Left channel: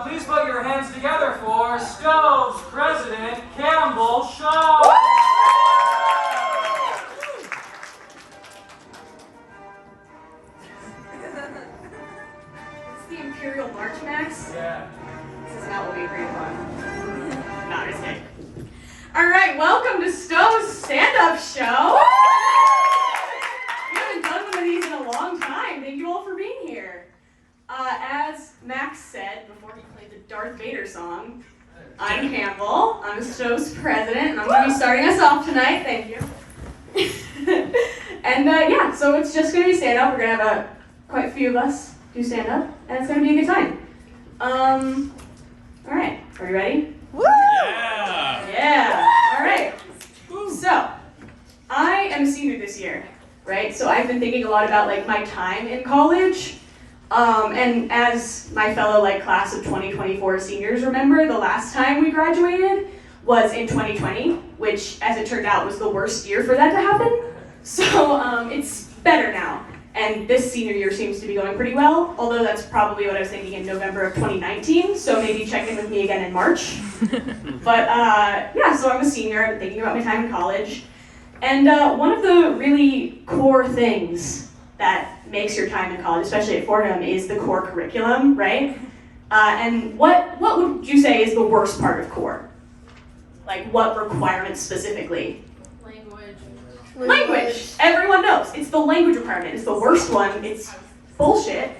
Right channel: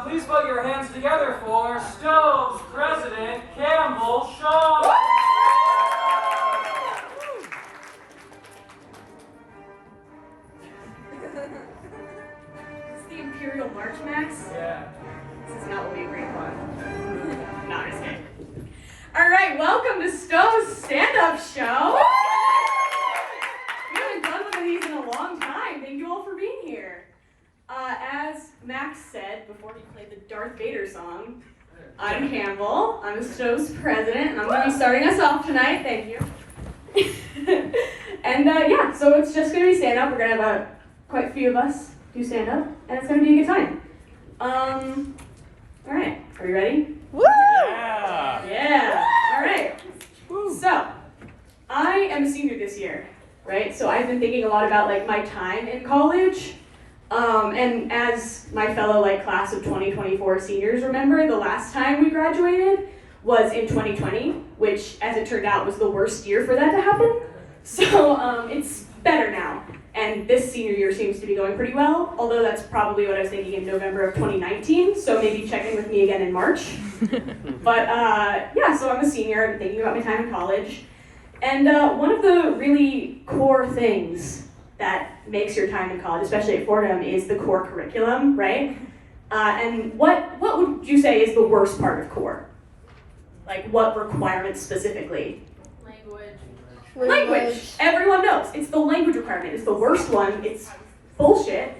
Please put your hands together for Stove's President, Campbell Shaw. It's the Imperial March, Max? Yeah. This is not what we agreed upon. No, I'm just kidding. All right, welcome to Stove's stand-up show. We haven't done one of these in a long time. Thank you all for being here. As Max said before he played the Darth Vader song, I'm Campbell. I'm Stove's president, and I'm going to be starting us off tonight. Thank you. And yeah, so it's just going to be stand-up. We're going to have quite a few of us do stand-up, and it's going to be a good time. All right, are you ready? Woo! Yeah! Yeah, all right. So, I am a senior this year, right? So I've been thinking a lot about like my time in college. And as my fellow class of 2024 seniors remember, the last time we graduated was in 2020, which as it turned out was the worst year for that to happen. So it's better now. And this senior year seems to be going pretty well, although that's probably what I was thinking in November of 2019, so maybe check in with me again in March. But yeah, so I'm a senior, I've been thinking about my time in college. And one of the really core things that makes your time in college, especially at Fordham, is the core curriculum, right? And what would you say is the worst part of core? Like what requirements specifically? Language. Everyone knows. It's the language requirement. It's the worst one. It's bullshit.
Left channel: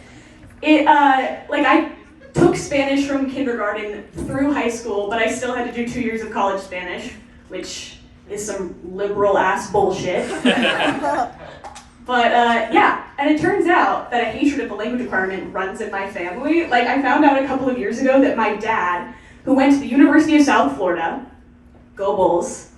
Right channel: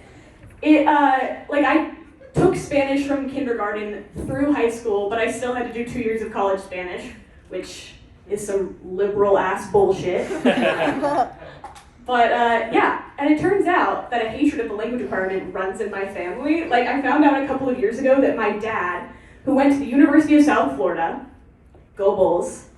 I took Spanish from kindergarten through high school, but I still had to do 2 years of college Spanish, which is some liberal ass bullshit. But yeah, and it turns out that a hatred of the language requirement runs in my family. Like I found out a couple of years ago that my dad, who went to the University of South Florida, go Bulls,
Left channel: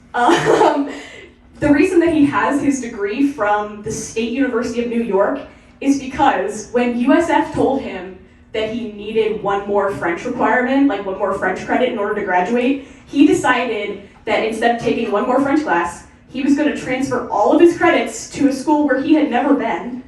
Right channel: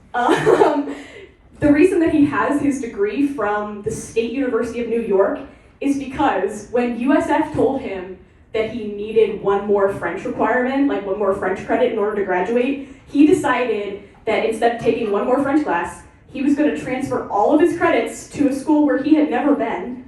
the reason that he has his degree from the State University of New York is because when USF told him that he needed one more French requirement, like one more French credit in order to graduate, he decided that instead of taking one more French class, he was going to transfer all of his credits to a school where he had never been,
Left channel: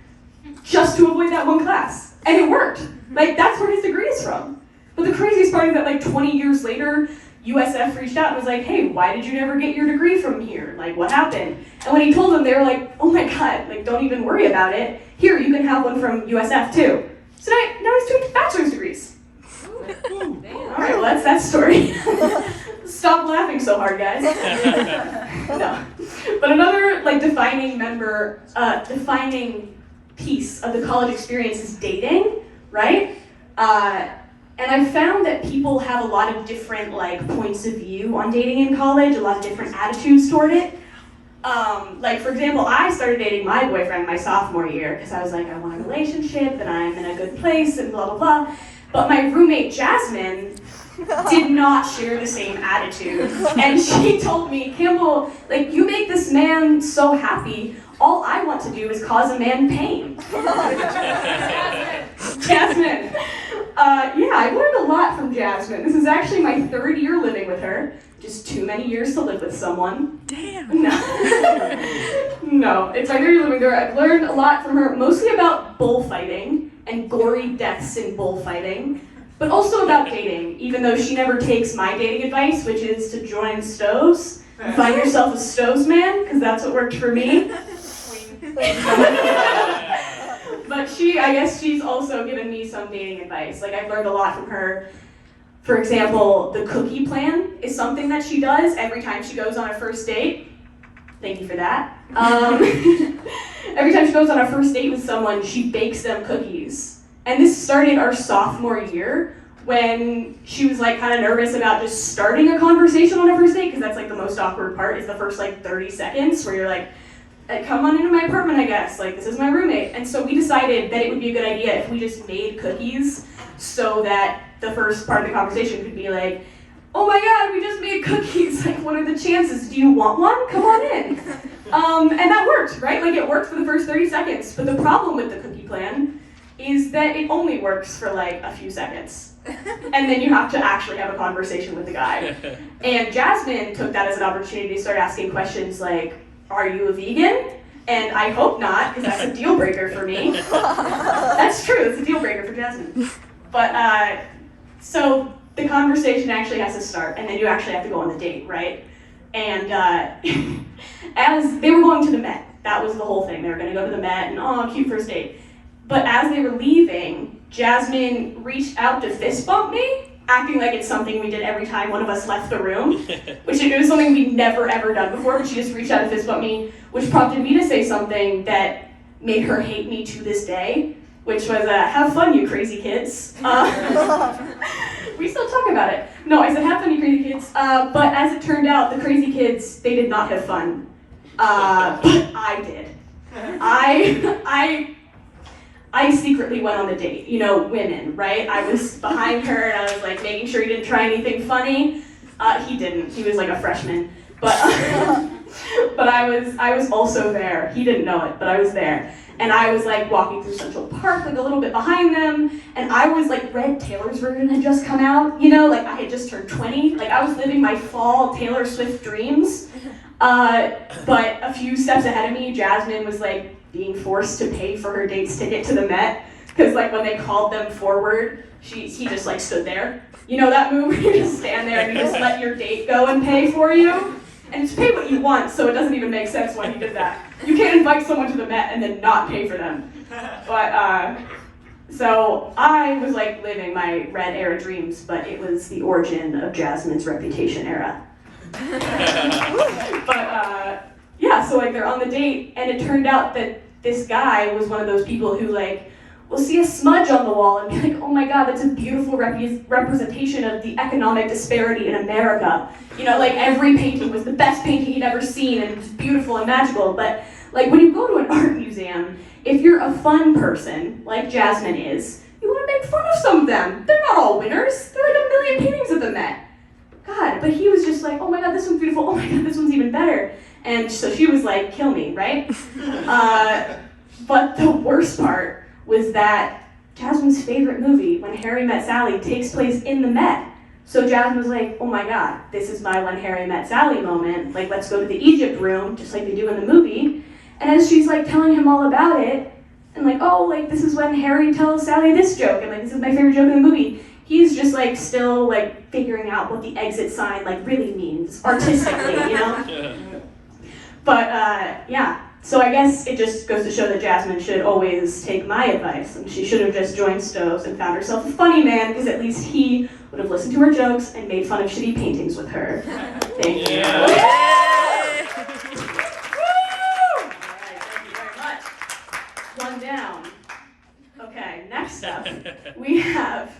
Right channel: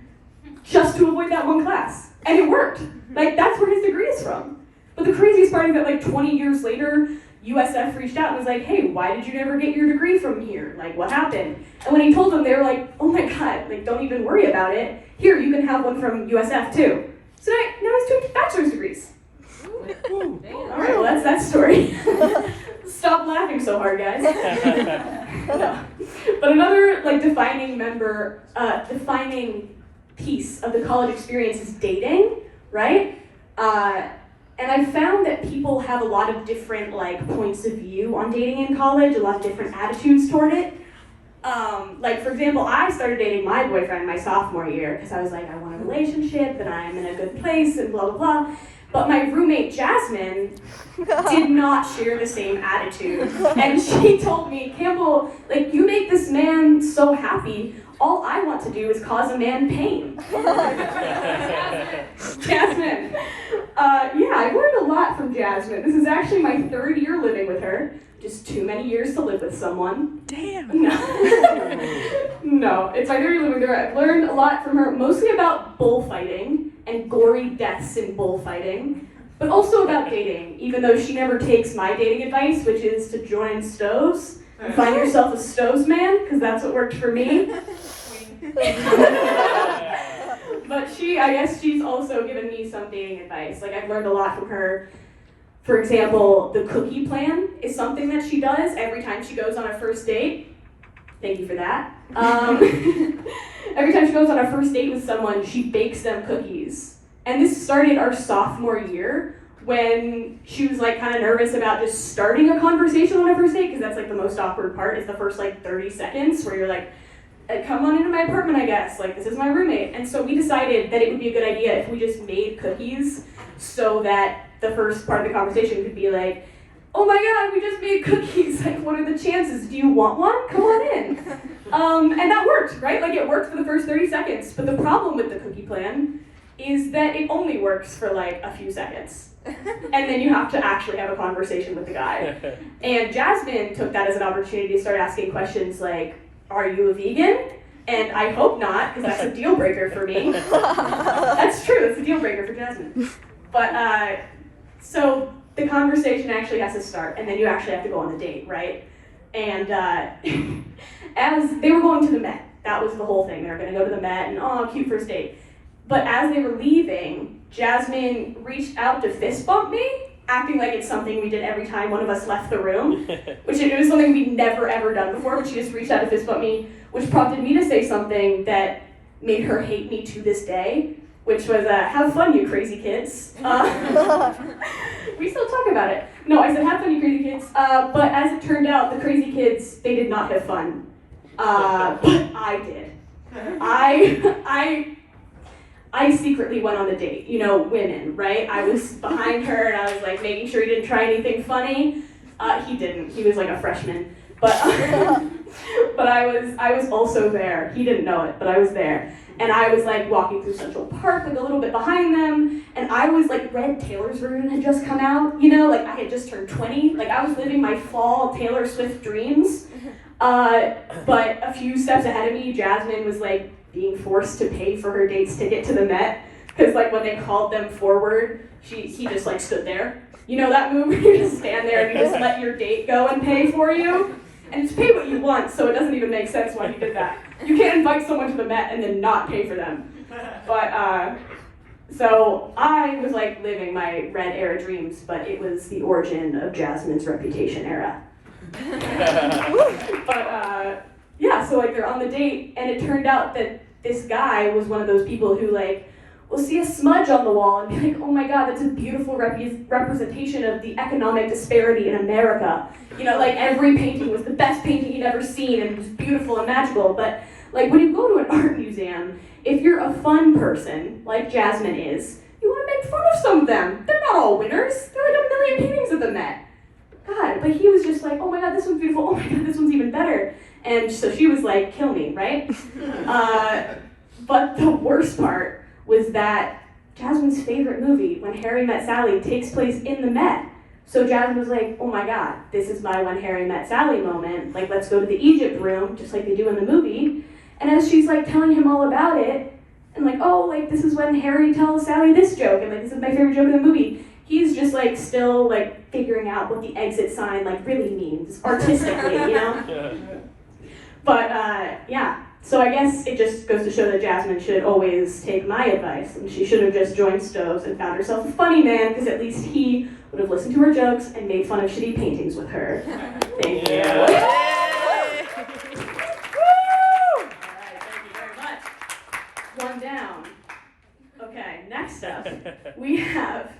just to avoid that one class. And it worked. Like, that's where his degree is from. But the craziest part is that 20 years later, USF reached out and was like, hey, why did you never get your degree from here? Like, what happened? And when he told them, they were like, oh my God, don't even worry about it. Here, you can have one from USF too. So now he's doing bachelor's degrees. All right, well, that's that story. Stop laughing so hard, guys. No. But another defining piece of the college experience is dating, right? And I've found that people have a lot of different points of view on dating in college, a lot of different attitudes toward it. For example, I started dating my boyfriend my sophomore year because I was like, I want a relationship and I'm in a good place and blah, blah, blah. But my roommate, Jasmine, did not share the same attitude. And she told me, Campbell, you make this man so happy, all I want to do is cause a man pain. Jasmine. Yeah, I learned a lot from Jasmine. This is actually my 3rd year living with her. Just too many years to live with someone. Damn. No, no, it's my 3rd year living with her. I've learned a lot from her, mostly about bullfighting and gory deaths in bullfighting, but also about dating, even though she never takes my dating advice, which is to join Stoves. Find yourself a Stoves man, because that's what worked for me. But I guess she's also given me some dating advice. I've learned a lot from her. For example, the cookie plan is something that she does every time she goes on a first date. Thank you for that. Every time she goes on a first date with someone, she bakes them cookies. And this started our sophomore year when she was kind of nervous about just starting a conversation on a first date, because that's the most awkward part, is the first 30 seconds where you're like, come on into my apartment, I guess. This is my roommate. And so we decided that it would be a good idea if we just made cookies so that the first part of the conversation could be like, oh my God, we just made cookies. What are the chances? Do you want one? Come on in. And that worked, right? It worked for the first 30 seconds. But the problem with the cookie plan is that it only works for a few seconds. And then you have to actually have a conversation with the guy. And Jasmine took that as an opportunity to start asking questions like, are you a vegan? And I hope not, because that's a deal breaker for me. That's true, it's a deal breaker for Jasmine. But So the conversation actually has to start, and then you actually have to go on the date, right? And as they were going to the Met, that was the whole thing. They were going to go to the Met, and oh, cute first date. But as they were leaving, Jasmine reached out to fist bump me, acting like it's something we did every time one of us left the room, which it was something we'd never ever done before, but she just reached out to fist bump me, which prompted me to say something that made her hate me to this day, which was, have fun, you crazy kids. We still talk about it. No, I said, have fun, you crazy kids. But as it turned out, the crazy kids, they did not have fun. But I did. I secretly went on the date, you know, women, right? I was behind her and I was like making sure he didn't try anything funny. He didn't, he was like a freshman. But but I was also there. He didn't know it, but I was there. And I was like walking through Central Park, like a little bit behind them, and I was like, Red Taylor's version had just come out, you know, like I had just turned 20, like I was living my fall Taylor Swift dreams. But a few steps ahead of me, Jasmine was like being forced to pay for her date's ticket to the Met, because like when they called them forward, he just like stood there. You know that move where you just stand there and you just let your date go and pay for you? And it's pay what you want, so it doesn't even make sense why he did that. You can't invite someone to the Met and then not pay for them. But, so I was like living my Red era dreams, but it was the origin of Jasmine's Reputation era. But, yeah, so like they're on the date, and it turned out that this guy was one of those people who like, will see a smudge on the wall and be like, oh my God, that's a beautiful representation of the economic disparity in America. You know, like every painting was the best painting he'd ever seen and just beautiful and magical. But like when you go to an art museum, if you're a fun person, like Jasmine is, you want to make fun of some of them. They're not all winners. There are like a million paintings of the Met. God, but he was just like, oh my God, this one's beautiful. Oh my God, this one's even better. And so she was like, kill me, right? But the worst part was that Jasmine's favorite movie, When Harry Met Sally, takes place in the Met. So Jasmine was like, oh my God, this is my When Harry Met Sally moment. Like, let's go to the Egypt room, just like they do in the movie. And as she's like telling him all about it, and like, oh, like this is when Harry tells Sally this joke, and like this is my favorite joke in the movie. He's just like still like figuring out what the exit sign like really means artistically, you know? But yeah. So I guess it just goes to show that Jasmine should always take my advice, and she should have just joined Stoves and found herself a funny man, because at least he would have listened to her jokes and made fun of shitty paintings with her. Thank you. Yeah. Woo! All right, thank you very much. One down. Okay, next up, we have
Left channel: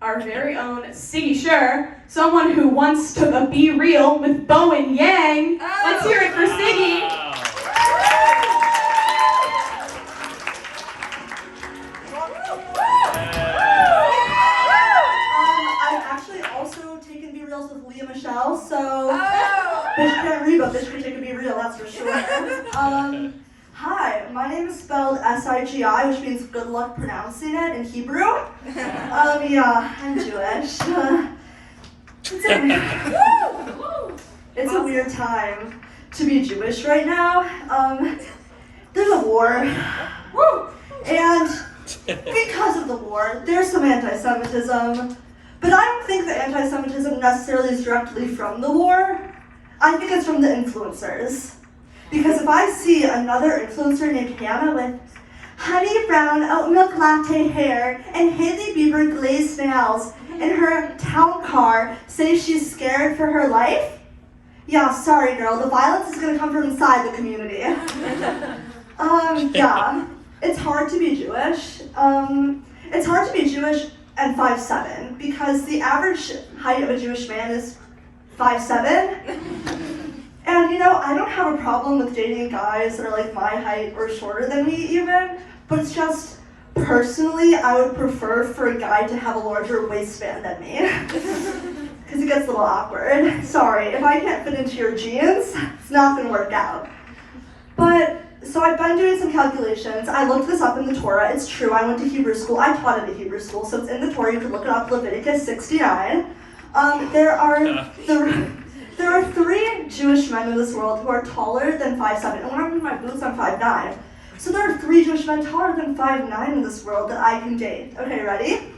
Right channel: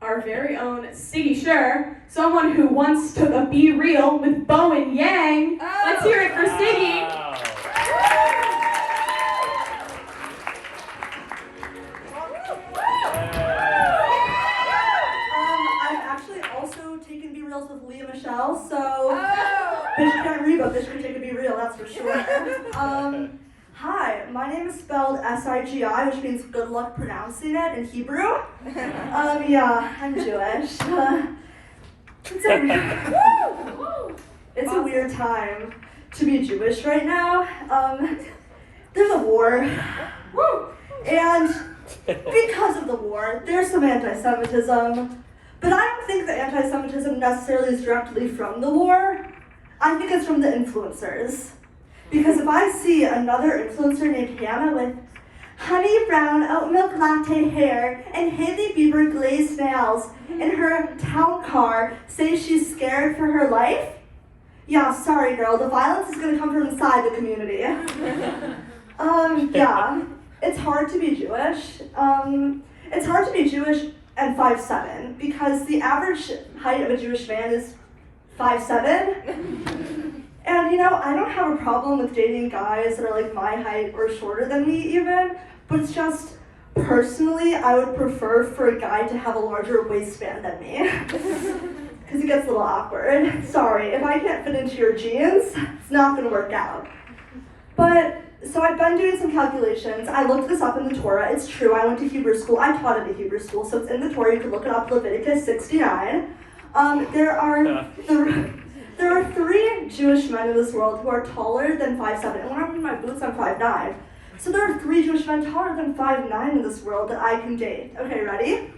our very own Sigi, someone who once took a Be Real with Bo and Yang. Oh. Let's hear it for Sigi. Wow. I've actually also taken Be Reals with Leah Michelle, so bitch can't read, but bitch can take a Be Real, that's for sure. Hi, my name is spelled S-I-G-I, which means good luck pronouncing it in Hebrew. Yeah, I'm Jewish. It's a weird time to be Jewish right now. There's a war, and because of the war, there's some anti-Semitism, but I don't think the anti-Semitism necessarily is directly from the war. I think it's from the influencers. Because if I see another influencer named Hannah with honey brown oat milk latte hair and Hailey Bieber glazed nails in her town car say she's scared for her life, yeah, sorry girl, the violence is gonna come from inside the community. Yeah, it's hard to be Jewish. It's hard to be Jewish and 5'7", because the average height of a Jewish man is 5'7". And you know, I don't have a problem with dating guys that are like my height or shorter than me even, but it's just, personally, I would prefer for a guy to have a larger waistband than me. Because it gets a little awkward. Sorry, if I can't fit into your jeans, it's not gonna work out. But, so I've been doing some calculations. I looked this up in the Torah. It's true, I went to Hebrew school. I taught at a Hebrew school, so it's in the Torah. You can look it up, Leviticus 69. There are 3 Jewish men in this world who are taller than 5'7", and when I'm in my boots, I'm 5'9". So there are 3 Jewish men taller than 5'9" in this world that I can date. Okay, ready?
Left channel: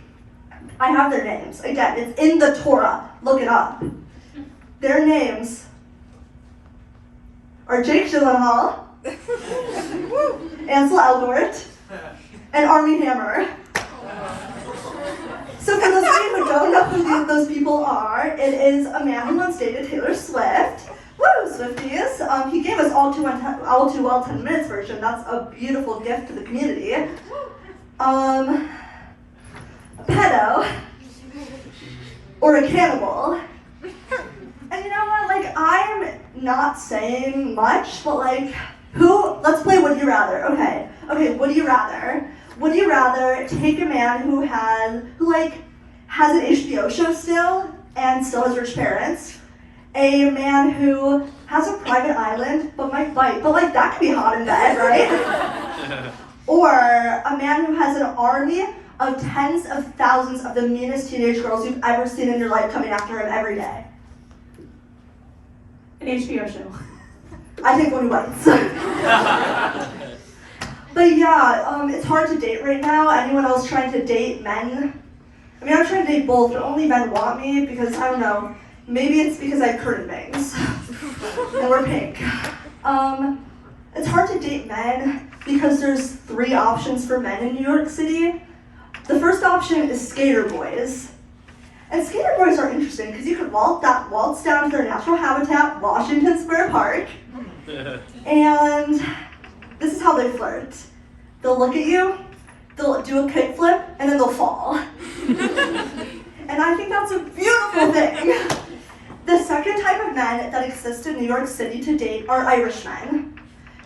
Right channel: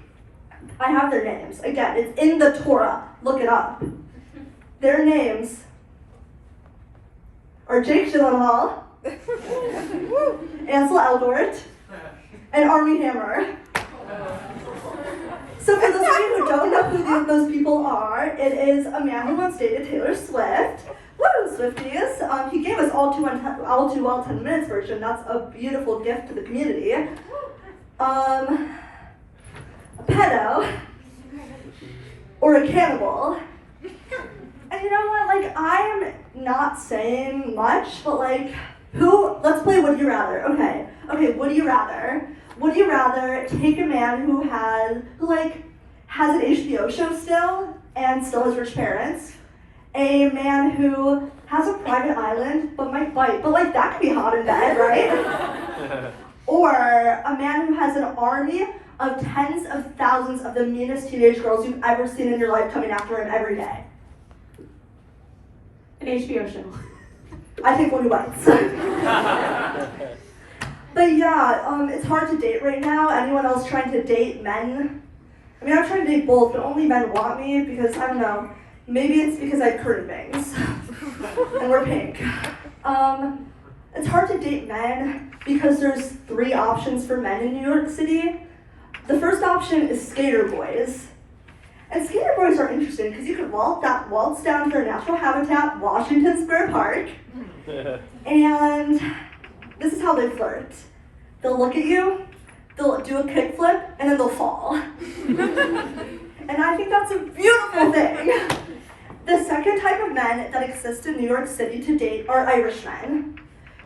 I have their names. Again, it's in the Torah. Look it up. Their names are Jake Gyllenhaal, Ansel Elgort, and Armie Hammer. So for those of you who don't know who those people are, it is a man who once dated Taylor Swift. Woo, Swifties! He gave us all too well 10 minutes version. That's a beautiful gift to the community. A pedo, or a cannibal. And you know what, like, I'm not saying much, but like, let's play Would You Rather. Okay, would you rather? Would you rather take a man who has an HBO show still, and still has rich parents, a man who has a private island, but might fight, but like, that could be hot in bed, right? Or a man who has an army of tens of thousands of the meanest teenage girls you've ever seen in your life coming after him every day? An HBO show. I think one who bites. But yeah, it's hard to date right now. Anyone else trying to date men? I mean, I'm trying to date both, but only men want me because, I don't know, maybe it's because I have curtain bangs and we're pink. It's hard to date men because there's 3 options for men in New York City. The first option is skater boys. And skater boys are interesting because you could waltz down to their natural habitat, Washington Square Park, and this is how they flirt. They'll look at you, they'll do a kickflip, and then they'll fall. And I think that's a beautiful thing. The second type of men that exist in New York City to date are Irishmen.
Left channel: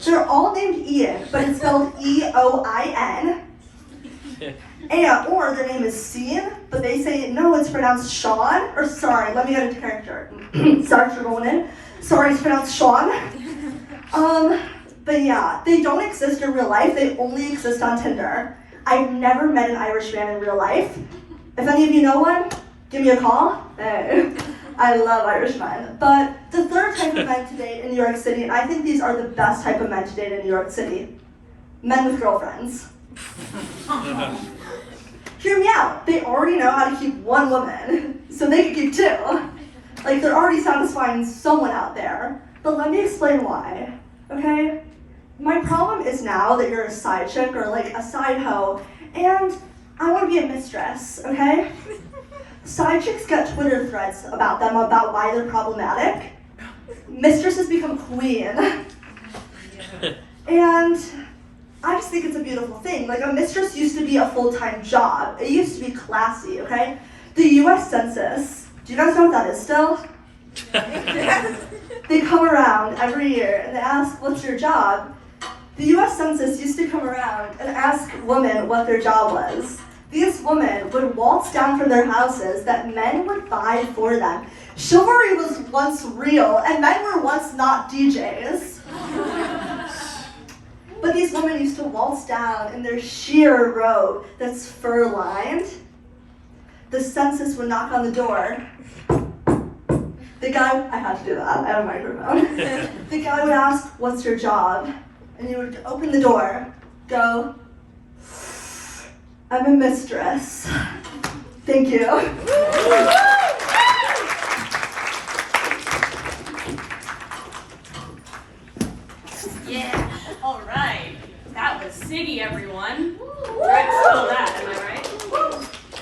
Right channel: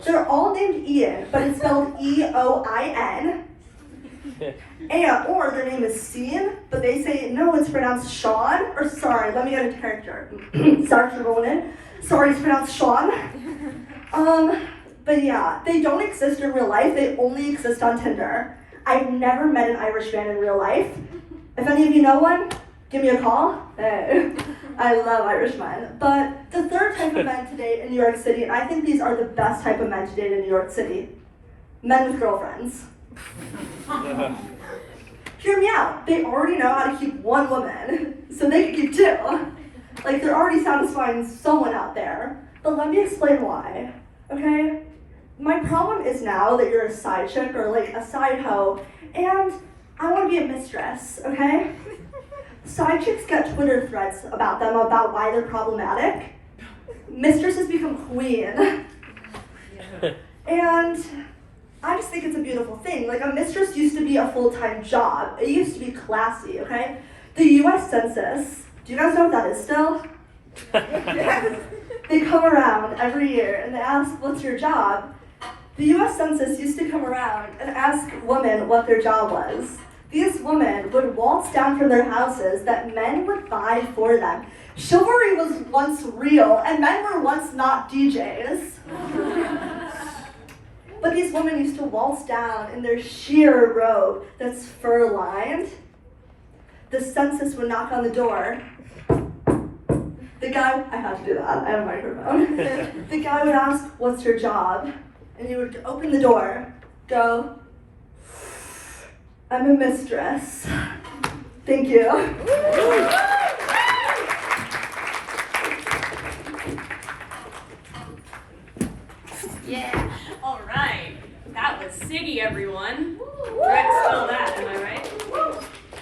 They're all named Ian, but it's spelled E-O-I-N. Or their name is Sean, but they say, no, it's pronounced Sean. Or sorry, let me get into character. Sorry for going in. Sorry, it's pronounced Sean. But yeah, they don't exist in real life. They only exist on Tinder. I've never met an Irish man in real life. If any of you know one, give me a call. Hey. I love Irish men. But the third type of men to date in New York City, and I think these are the best type of men to date in New York City. Men with girlfriends. Hear me out. They already know how to keep one woman, so they can keep 2. Like, they're already satisfying someone out there. But let me explain why, okay? My problem is now that you're a side chick or like a side hoe, and I want to be a mistress, okay? Side chicks get Twitter threads about them about why they're problematic. Mistresses become queen. And I just think it's a beautiful thing. Like, a mistress used to be a full-time job. It used to be classy, okay? The US Census, do you guys know what that is still? They come around every year and they ask, what's your job? The US Census used to come around and ask women what their job was. These women would waltz down from their houses that men would buy for them. Chivalry was once real, and men were once not DJs. But these women used to waltz down in their sheer robe that's fur-lined. The census would knock on the door. The guy, I had to do that, I have a microphone. The guy would ask, what's your job? And you would open the door, go, I'm a mistress. Thank you. Yeah. All right. That was Sigi, everyone. Right, still that, am I right?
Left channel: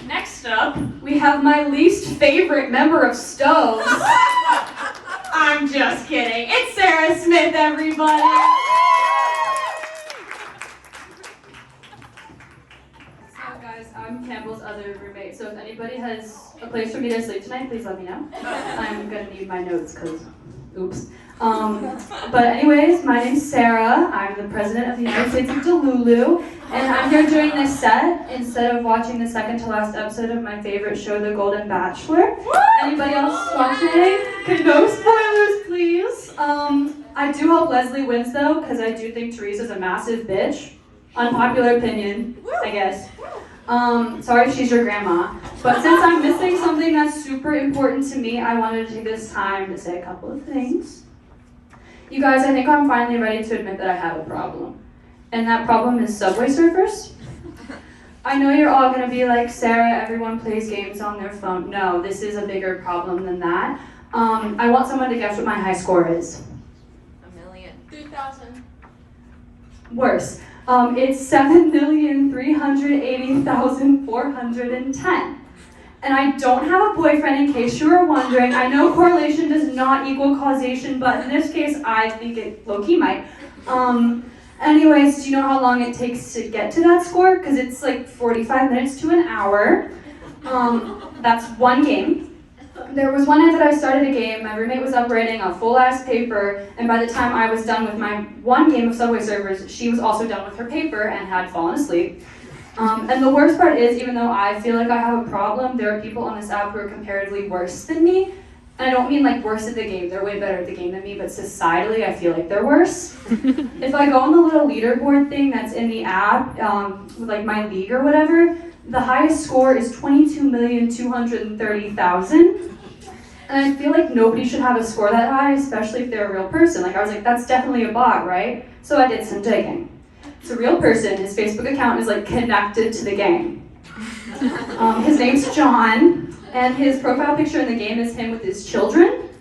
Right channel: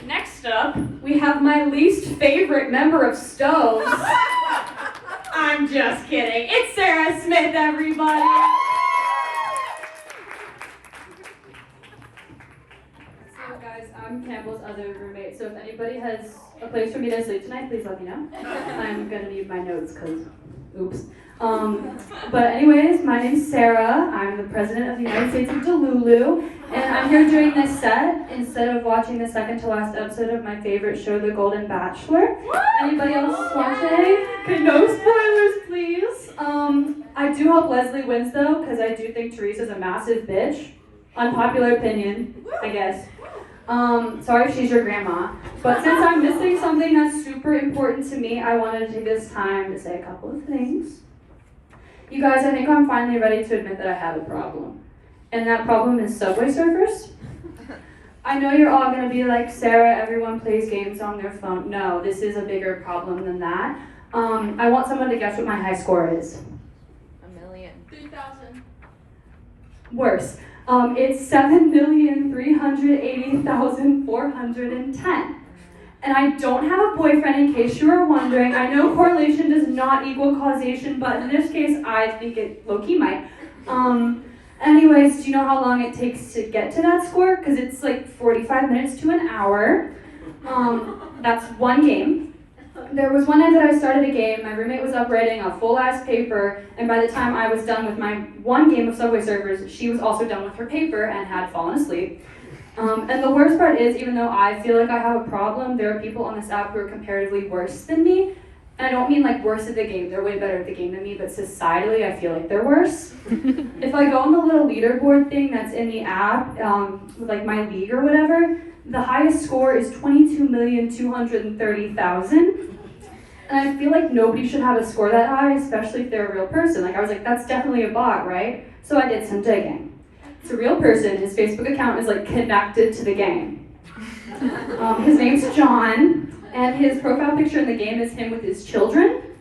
Next up, we have my least favorite member of Stoves. I'm just kidding. It's Sarah Smith, everybody. So guys, I'm Campbell's other roommate, so if anybody has a place for me to sleep tonight, please let me know. I'm gonna need my notes, cause oops. But anyways, my name's Sarah. I'm the president of the United States of Delulu, and I'm here doing this set instead of watching the second to last episode of my favorite show, The Golden Bachelor. Anybody else watching? Okay, no spoilers, please. I do hope Leslie wins though, because I do think Teresa's a massive bitch. Unpopular opinion, I guess. Sorry if she's your grandma, but since I'm missing something that's super important to me, I wanted to take this time to say a couple of things. You guys, I think I'm finally ready to admit that I have a problem. And that problem is Subway surfers. I know you're all gonna be like, Sarah, everyone plays games on their phone. No, this is a bigger problem than that. I want someone to guess what my high score is. 3,000. Worse. It's 7,380,410. And I don't have a boyfriend, in case you were wondering. I know correlation does not equal causation, but in this case, I think it low-key might. Anyways, do you know how long it takes to get to that score? Because it's like 45 minutes to an hour. That's one game. There was one night that I started a game, my roommate was up writing a full-ass paper, and by the time I was done with my one game of Subway Surfers, she was also done with her paper and had fallen asleep. And the worst part is, even though I feel like I have a problem, there are people on this app who are comparatively worse than me. And I don't mean like worse at the game, they're way better at the game than me, but societally I feel like they're worse. If I go on the little leaderboard thing that's in the app, with like my league or whatever, the highest score is 22,230,000. And I feel like nobody should have a score that high, especially if they're a real person. Like I was like, that's definitely a bot, right? So I did some digging. It's a real person, his Facebook account is like connected to the game. His name's John, and his profile picture in the game is him with his children.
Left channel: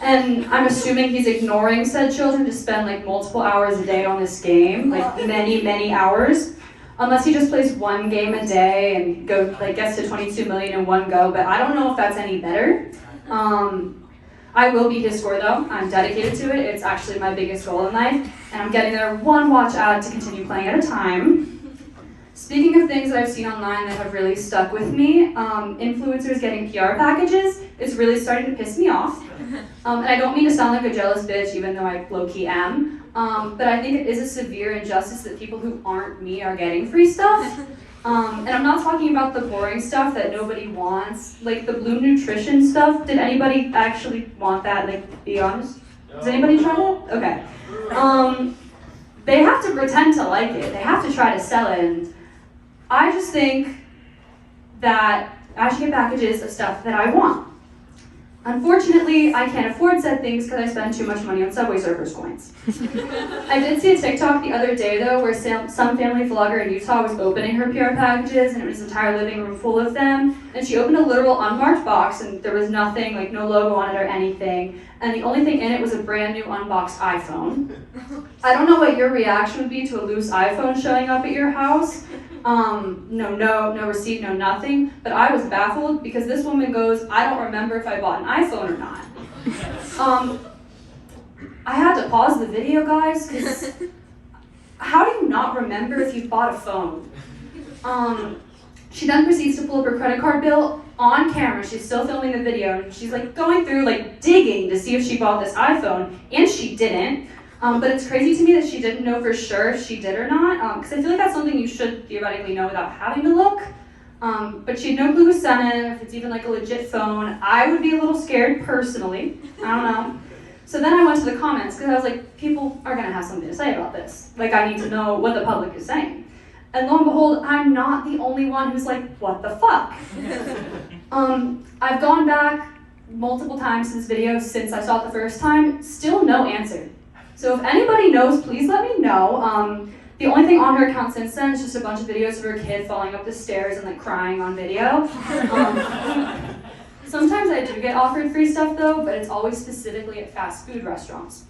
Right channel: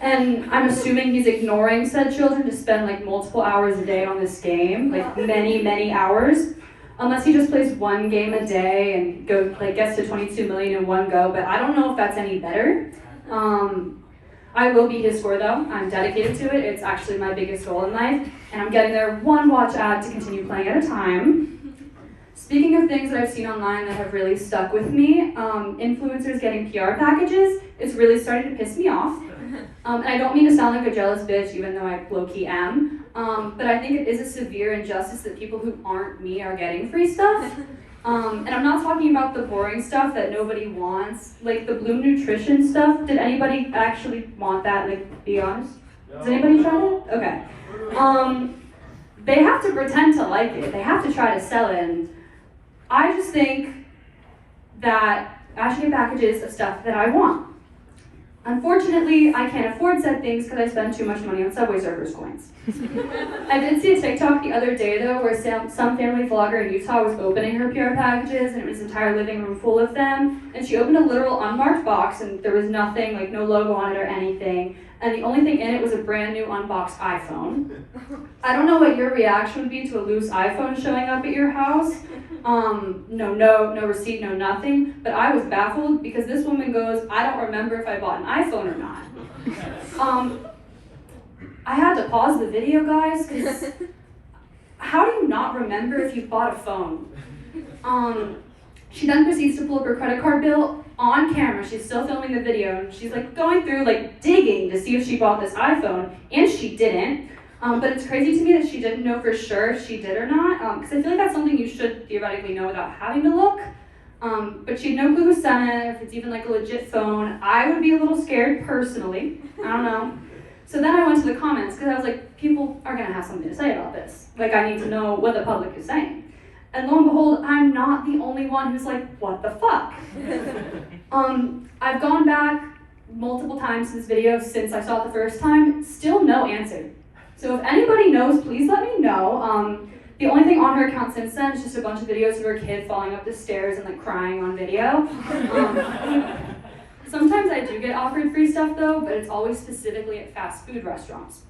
And I'm assuming he's ignoring said children to spend like multiple hours a day on this game, like many, many hours. Unless he just plays one game a day and gets to 22 million in one go, but I don't know if that's any better. I will beat his score though. I'm dedicated to it. It's actually my biggest goal in life, and I'm getting there one watch ad to continue playing at a time. Speaking of things that I've seen online that have really stuck with me, influencers getting PR packages, it's really starting to piss me off. And I don't mean to sound like a jealous bitch, even though I low-key am, but I think it is a severe injustice that people who aren't me are getting free stuff. And I'm not talking about the boring stuff that nobody wants, like the Blue Nutrition stuff. Did anybody actually want that? Like, be honest? Does anybody try that? Okay. They have to pretend to like it. They have to try to sell it. And I just think that I should get packages of stuff that I want. Unfortunately, I can't afford said things because I spend too much money on Subway Surfers coins. I did see a TikTok the other day though where some family vlogger in Utah was opening her PR packages, and it was an entire living room full of them. And she opened a literal unmarked box, and there was nothing, like no logo on it or anything. And the only thing in it was a brand new unboxed iPhone. I don't know what your reaction would be to a loose iPhone showing up at your house. No receipt, no nothing. But I was baffled because this woman goes, I don't remember if I bought an iPhone or not. I had to pause the video, guys, because how do you not remember if you bought a phone? She then proceeds to pull up her credit card bill on camera. She's still filming the video, and she's like going through, like digging to see if she bought this iPhone, and she didn't. But it's crazy to me that she didn't know for sure if she did or not, because I feel like that's something you should theoretically know without having to look. But she had no clue who sent it, if it's even like a legit phone. I would be a little scared personally. I don't know. So then I went to the comments because I was like, people are gonna have something to say about this. Like I need to know what the public is saying. And lo and behold, I'm not the only one who's like, what the fuck? I've gone back multiple times to this video since I saw it the first time, still no answer. So if anybody knows, please let me know. The only thing on her account since then is just a bunch of videos of her kid falling up the stairs and like crying on video. Sometimes I do get offered free stuff though, but it's always specifically at fast food restaurants.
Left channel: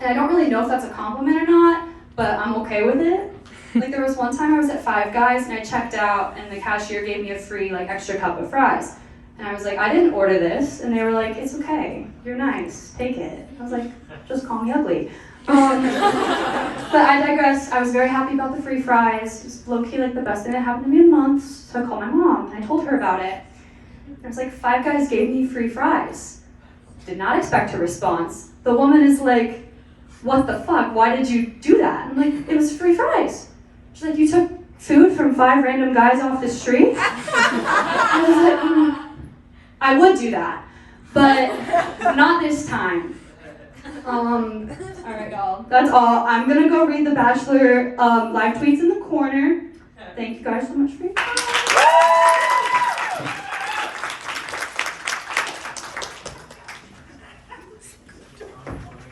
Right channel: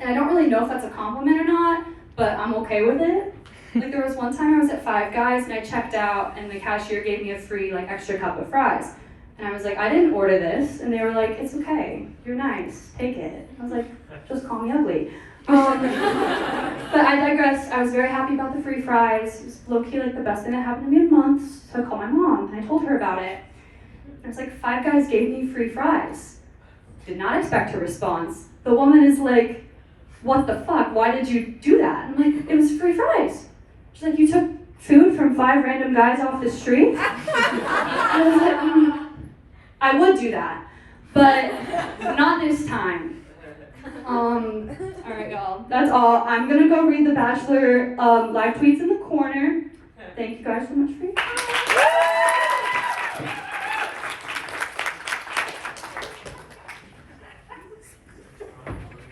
And I don't really know if that's a compliment or not, but I'm okay with it. Like there was one time I was at Five Guys and I checked out and the cashier gave me a free like extra cup of fries. And I was like, I didn't order this. And they were like, it's okay, you're nice, take it. I was like, just call me ugly. But I digress. I was very happy about the free fries. It was low-key like the best thing that happened to me in months. So I called my mom and I told her about it. I was like, Five Guys gave me free fries. Did not expect a response. The woman is like, what the fuck? Why did you do that? I'm like, it was free fries. She's like, you took food from 5 random guys off the street? I was like, I would do that, but not this time. All right, y'all, that's all. I'm gonna go read the Bachelor live tweets in the corner. Thank you guys so much for your time.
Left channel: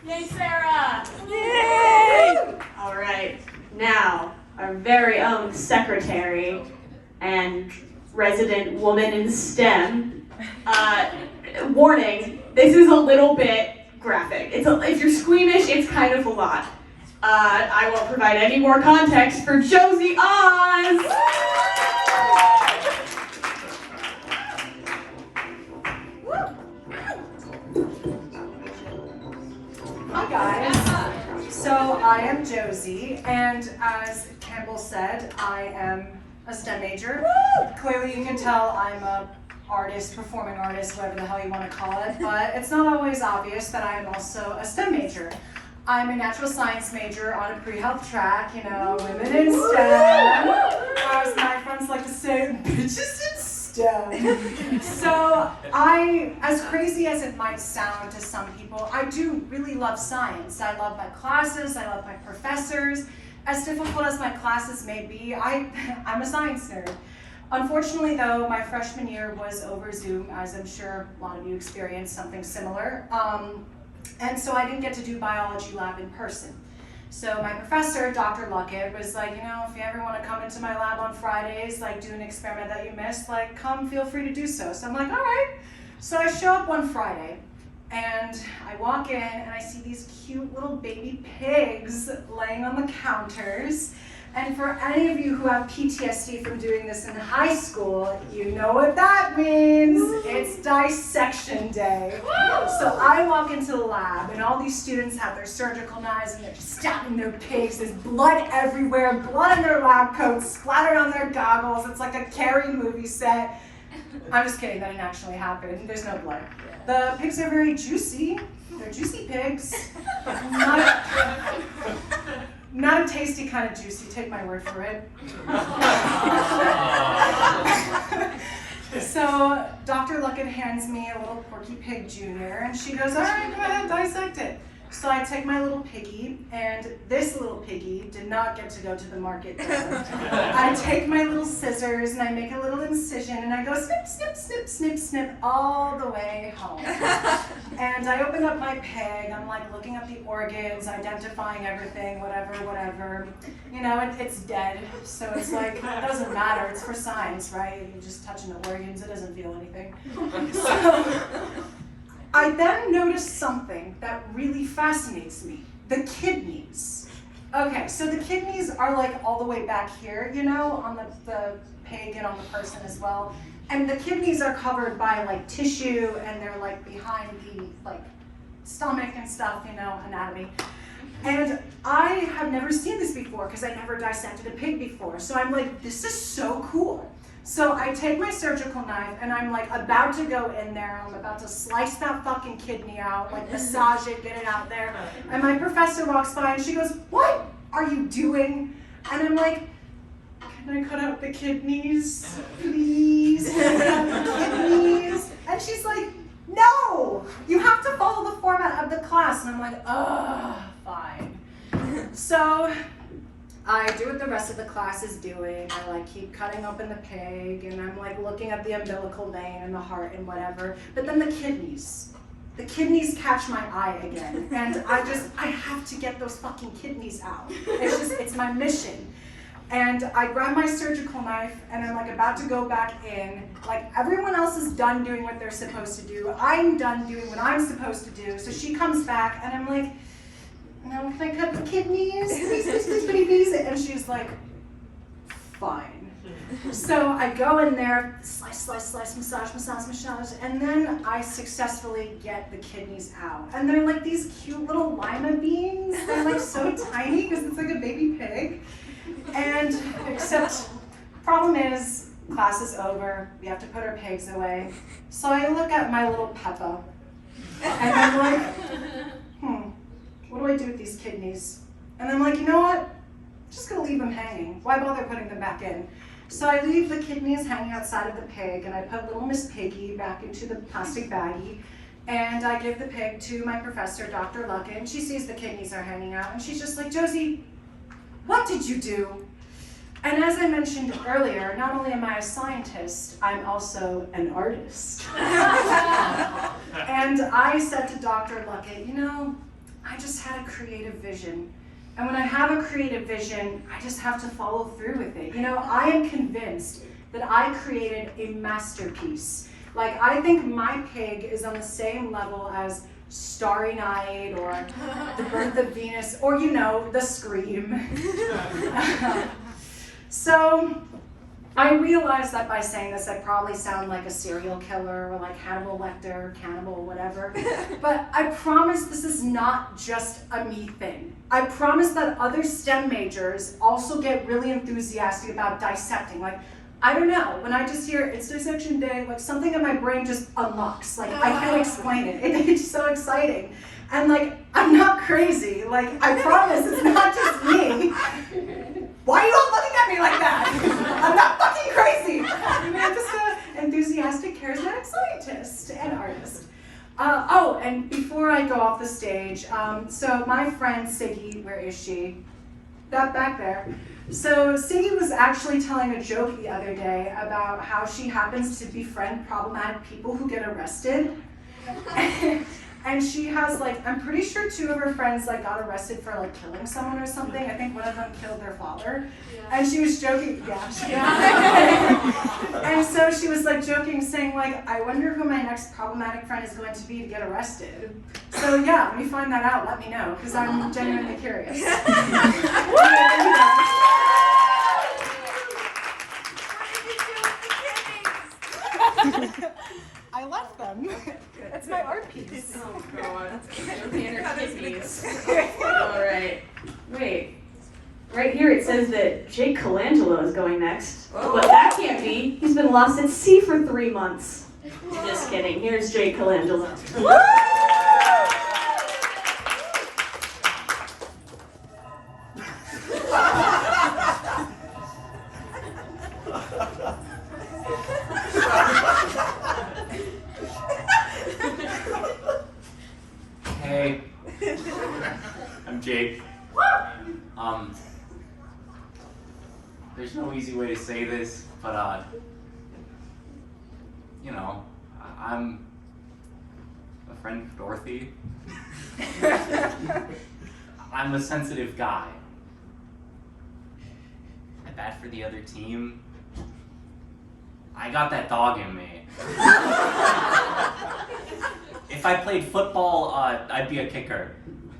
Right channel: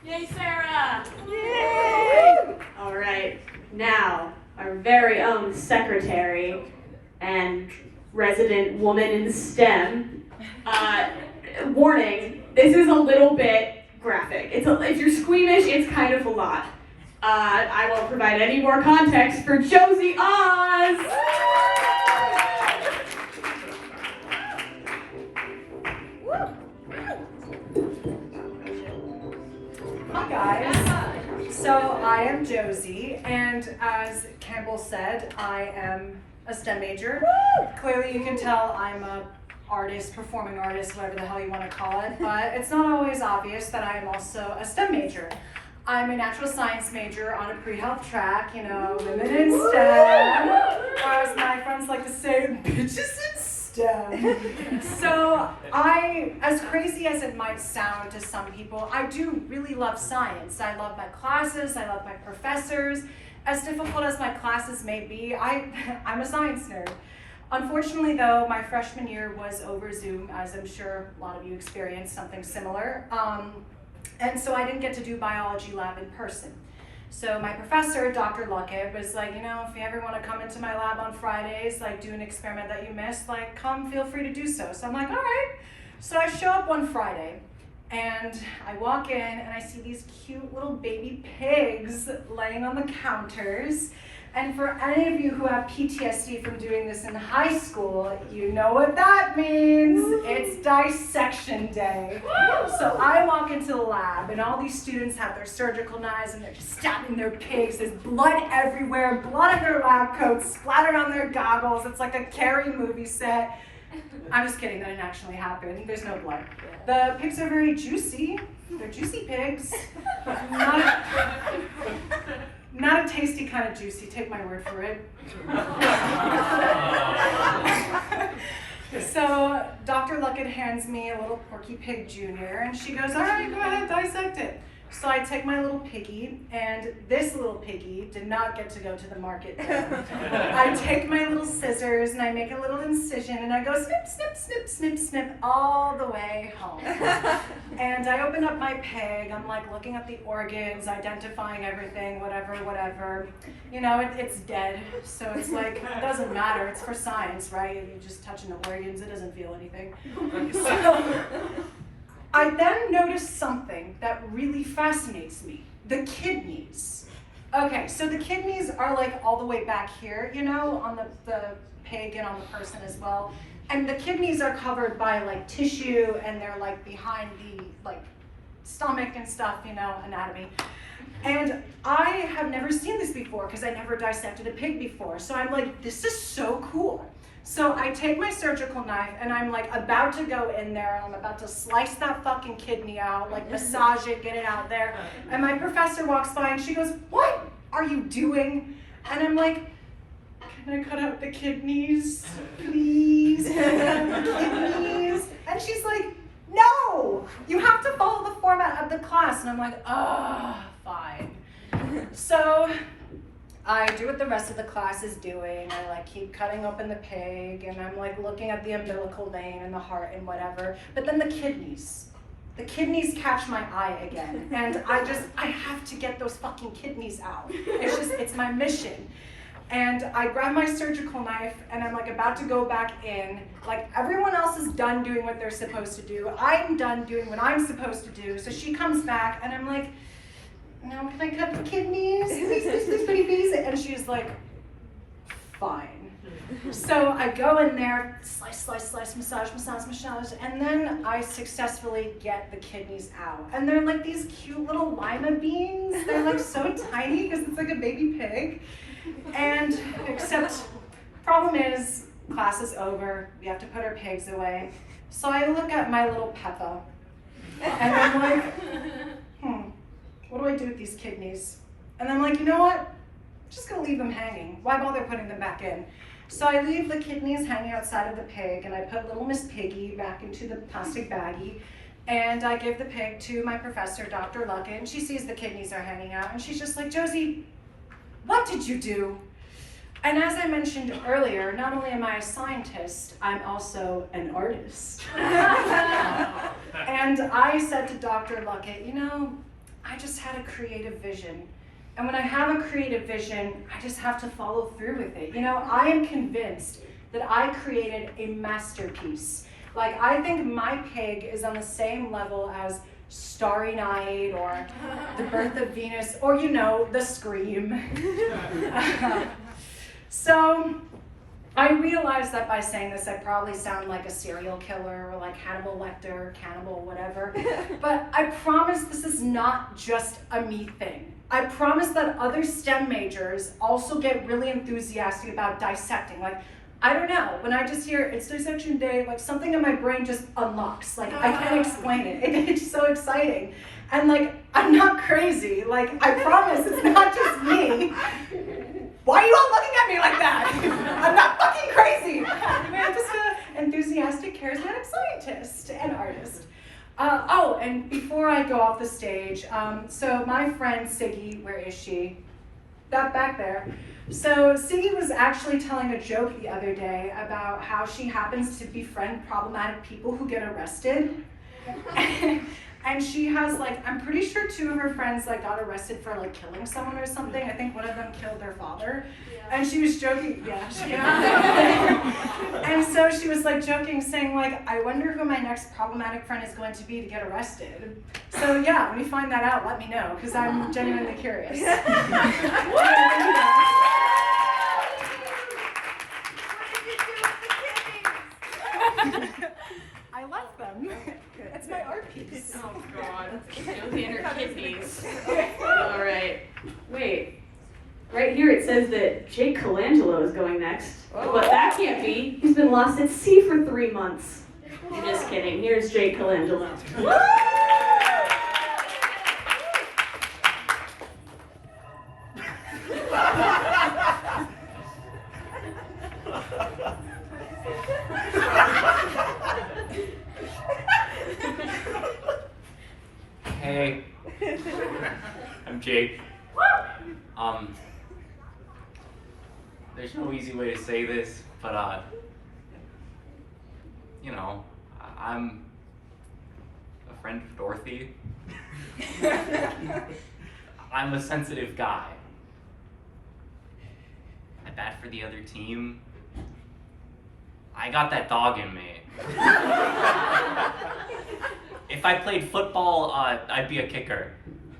Yay, Sarah! Yay! All right, now our very own secretary. resident woman in STEM. Warning, this is a little bit graphic. If you're squeamish, it's kind of a lot. I won't provide any more context for Josi Oz! Hi guys. So I am Josi, and as Campbell said, I am a STEM major. Clearly you can tell I'm a artist, performing artist, whatever the hell you want to call it, but it's not always obvious that I am also a STEM major. I'm a natural science major on a pre-health track, you know, women in STEM, or as my friends like to say, bitches in STEM. So as crazy as it might sound to some people, I do really love science. I love my classes, I love my professors. As difficult as my classes may be, I'm a science nerd. Unfortunately though, my freshman year was over Zoom, as I'm sure a lot of you experienced something similar. And so I didn't get to do biology lab in person. So my professor, Dr. Luckett, was like, you know, if you ever want to come into my lab on Fridays, like do an experiment that you missed, like come, feel free to do so. So I'm like, all right. So I show up one Friday and I walk in and I see these cute little baby pigs laying on the counters. And for any of you who have PTSD from doing this in high school, you know what that means. It's dissection day. So I walk into the lab and all these students have their surgical knives and they're just stabbing their pigs. There's blood everywhere, blood on their lab coats, splattered on their goggles. It's like a Carrie movie set. I'm just kidding, that didn't actually happen. There's no blood. The pigs are very juicy. They're juicy pigs. Not a tasty kind of juicy, take my word for it. So Dr. Luckett hands me a little Porky Pig Jr. and she goes, all right, go ahead, dissect it. So I take my little piggy, and this little piggy did not get to go to the market. I take my little scissors and I make a little incision and I go snip, snip, snip, snip, snip all the way home. And I open up my pig, I'm like looking at the organs, identifying everything, whatever. You know, it's dead, so it's like, it doesn't matter, it's for science, right? You're just touching the organs, it doesn't feel anything. So, I then noticed something that really fascinates me, the kidneys. Okay, so the kidneys are like all the way back here, you know, on the pig and on the person as well. And the kidneys are covered by like tissue and they're like behind the like stomach and stuff, you know, anatomy. And I have never seen this before because I never dissected a pig before. So I'm like, this is so cool. So I take my surgical knife and I'm like about to go in there. I'm about to slice that fucking kidney out, like massage it, get it out there. And my professor walks by and she goes, what are you doing? And I'm like, can I cut out the kidneys, please? Can I cut out the kidneys? And she's like, no, you have to follow the format of the class. And I'm like, fine. So I do what the rest of the class is doing. I like keep cutting open the pig and I'm like looking at the umbilical vein and the heart and whatever. But then the kidneys catch my eye again. And I have to get those fucking kidneys out. It's my mission. And I grab my surgical knife and I'm like about to go back in. Like everyone else is done doing what they're supposed to do. I'm done doing what I'm supposed to do. So she comes back and I'm like, no, can I cut the kidneys? Please. And she's like, fine. So I go in there, slice, massage, and then I successfully get the kidneys out. And they're like these cute little lima beans. They're like so tiny because it's like a baby pig. And except, problem is, class is over. We have to put our pigs away. So I look at my little Peppa, and I'm like, what do I do with these kidneys? And I'm like, you know what? I'm just gonna leave them hanging. Why bother putting them back in? So I leave the kidneys hanging outside of the pig and I put little Miss Piggy back into the plastic baggie and I give the pig to my professor, Dr. Luckett, and she sees the kidneys are hanging out and she's just like, Josi, what did you do? And as I mentioned earlier, not only am I a scientist, I'm also an artist. And I said to Dr. Luckett, you know, I just had a creative vision. And when I have a creative vision, I just have to follow through with it. You know, I am convinced that I created a masterpiece. Like, I think my pig is on the same level as Starry Night or The Birth of Venus or, you know, The Scream. So I realized that by saying this, I probably sound like a serial killer or like Hannibal Lecter, cannibal, whatever. But I promise this is not just a me thing. I promise that other STEM majors also get really enthusiastic about dissecting. Like, I don't know, when I just hear it's dissection day, like something in my brain just unlocks. Like, I can't explain it. It's so exciting. And like, I'm not crazy. Like, I promise it's not just me. Why are you all looking at me like that? I'm not fucking crazy. I'm just an enthusiastic, charismatic scientist and artist. Oh, and before I go off the stage, so my friend Sigi, where is she? That back there. So Sigi was actually telling a joke the other day about how she happens to befriend problematic people who get arrested. And she has like, I'm pretty sure 2 of her friends like got arrested for like killing someone or something. I think one of them killed their father. And she was joking, and so she was like joking, saying like, I wonder who my next problematic friend is going to be to get arrested. So yeah, when you find that out, let me know, because I'm genuinely curious. What did you do with the kidneys? I left them. It's my art piece. Oh god, that's Josi and her kidneys. All right. Wait. Right here it says that Jake Colangelo is going next. Whoa. But that can't be. He's been lost at sea for 3 months. I'm just kidding. Here's Jake Colangelo. Hey, I'm Jake. There's no easy way to say this, but you know, I'm a friend of Dorothy. I'm a sensitive guy. I bat for the other team. I got that dog in me. If I played football, I'd be a kicker.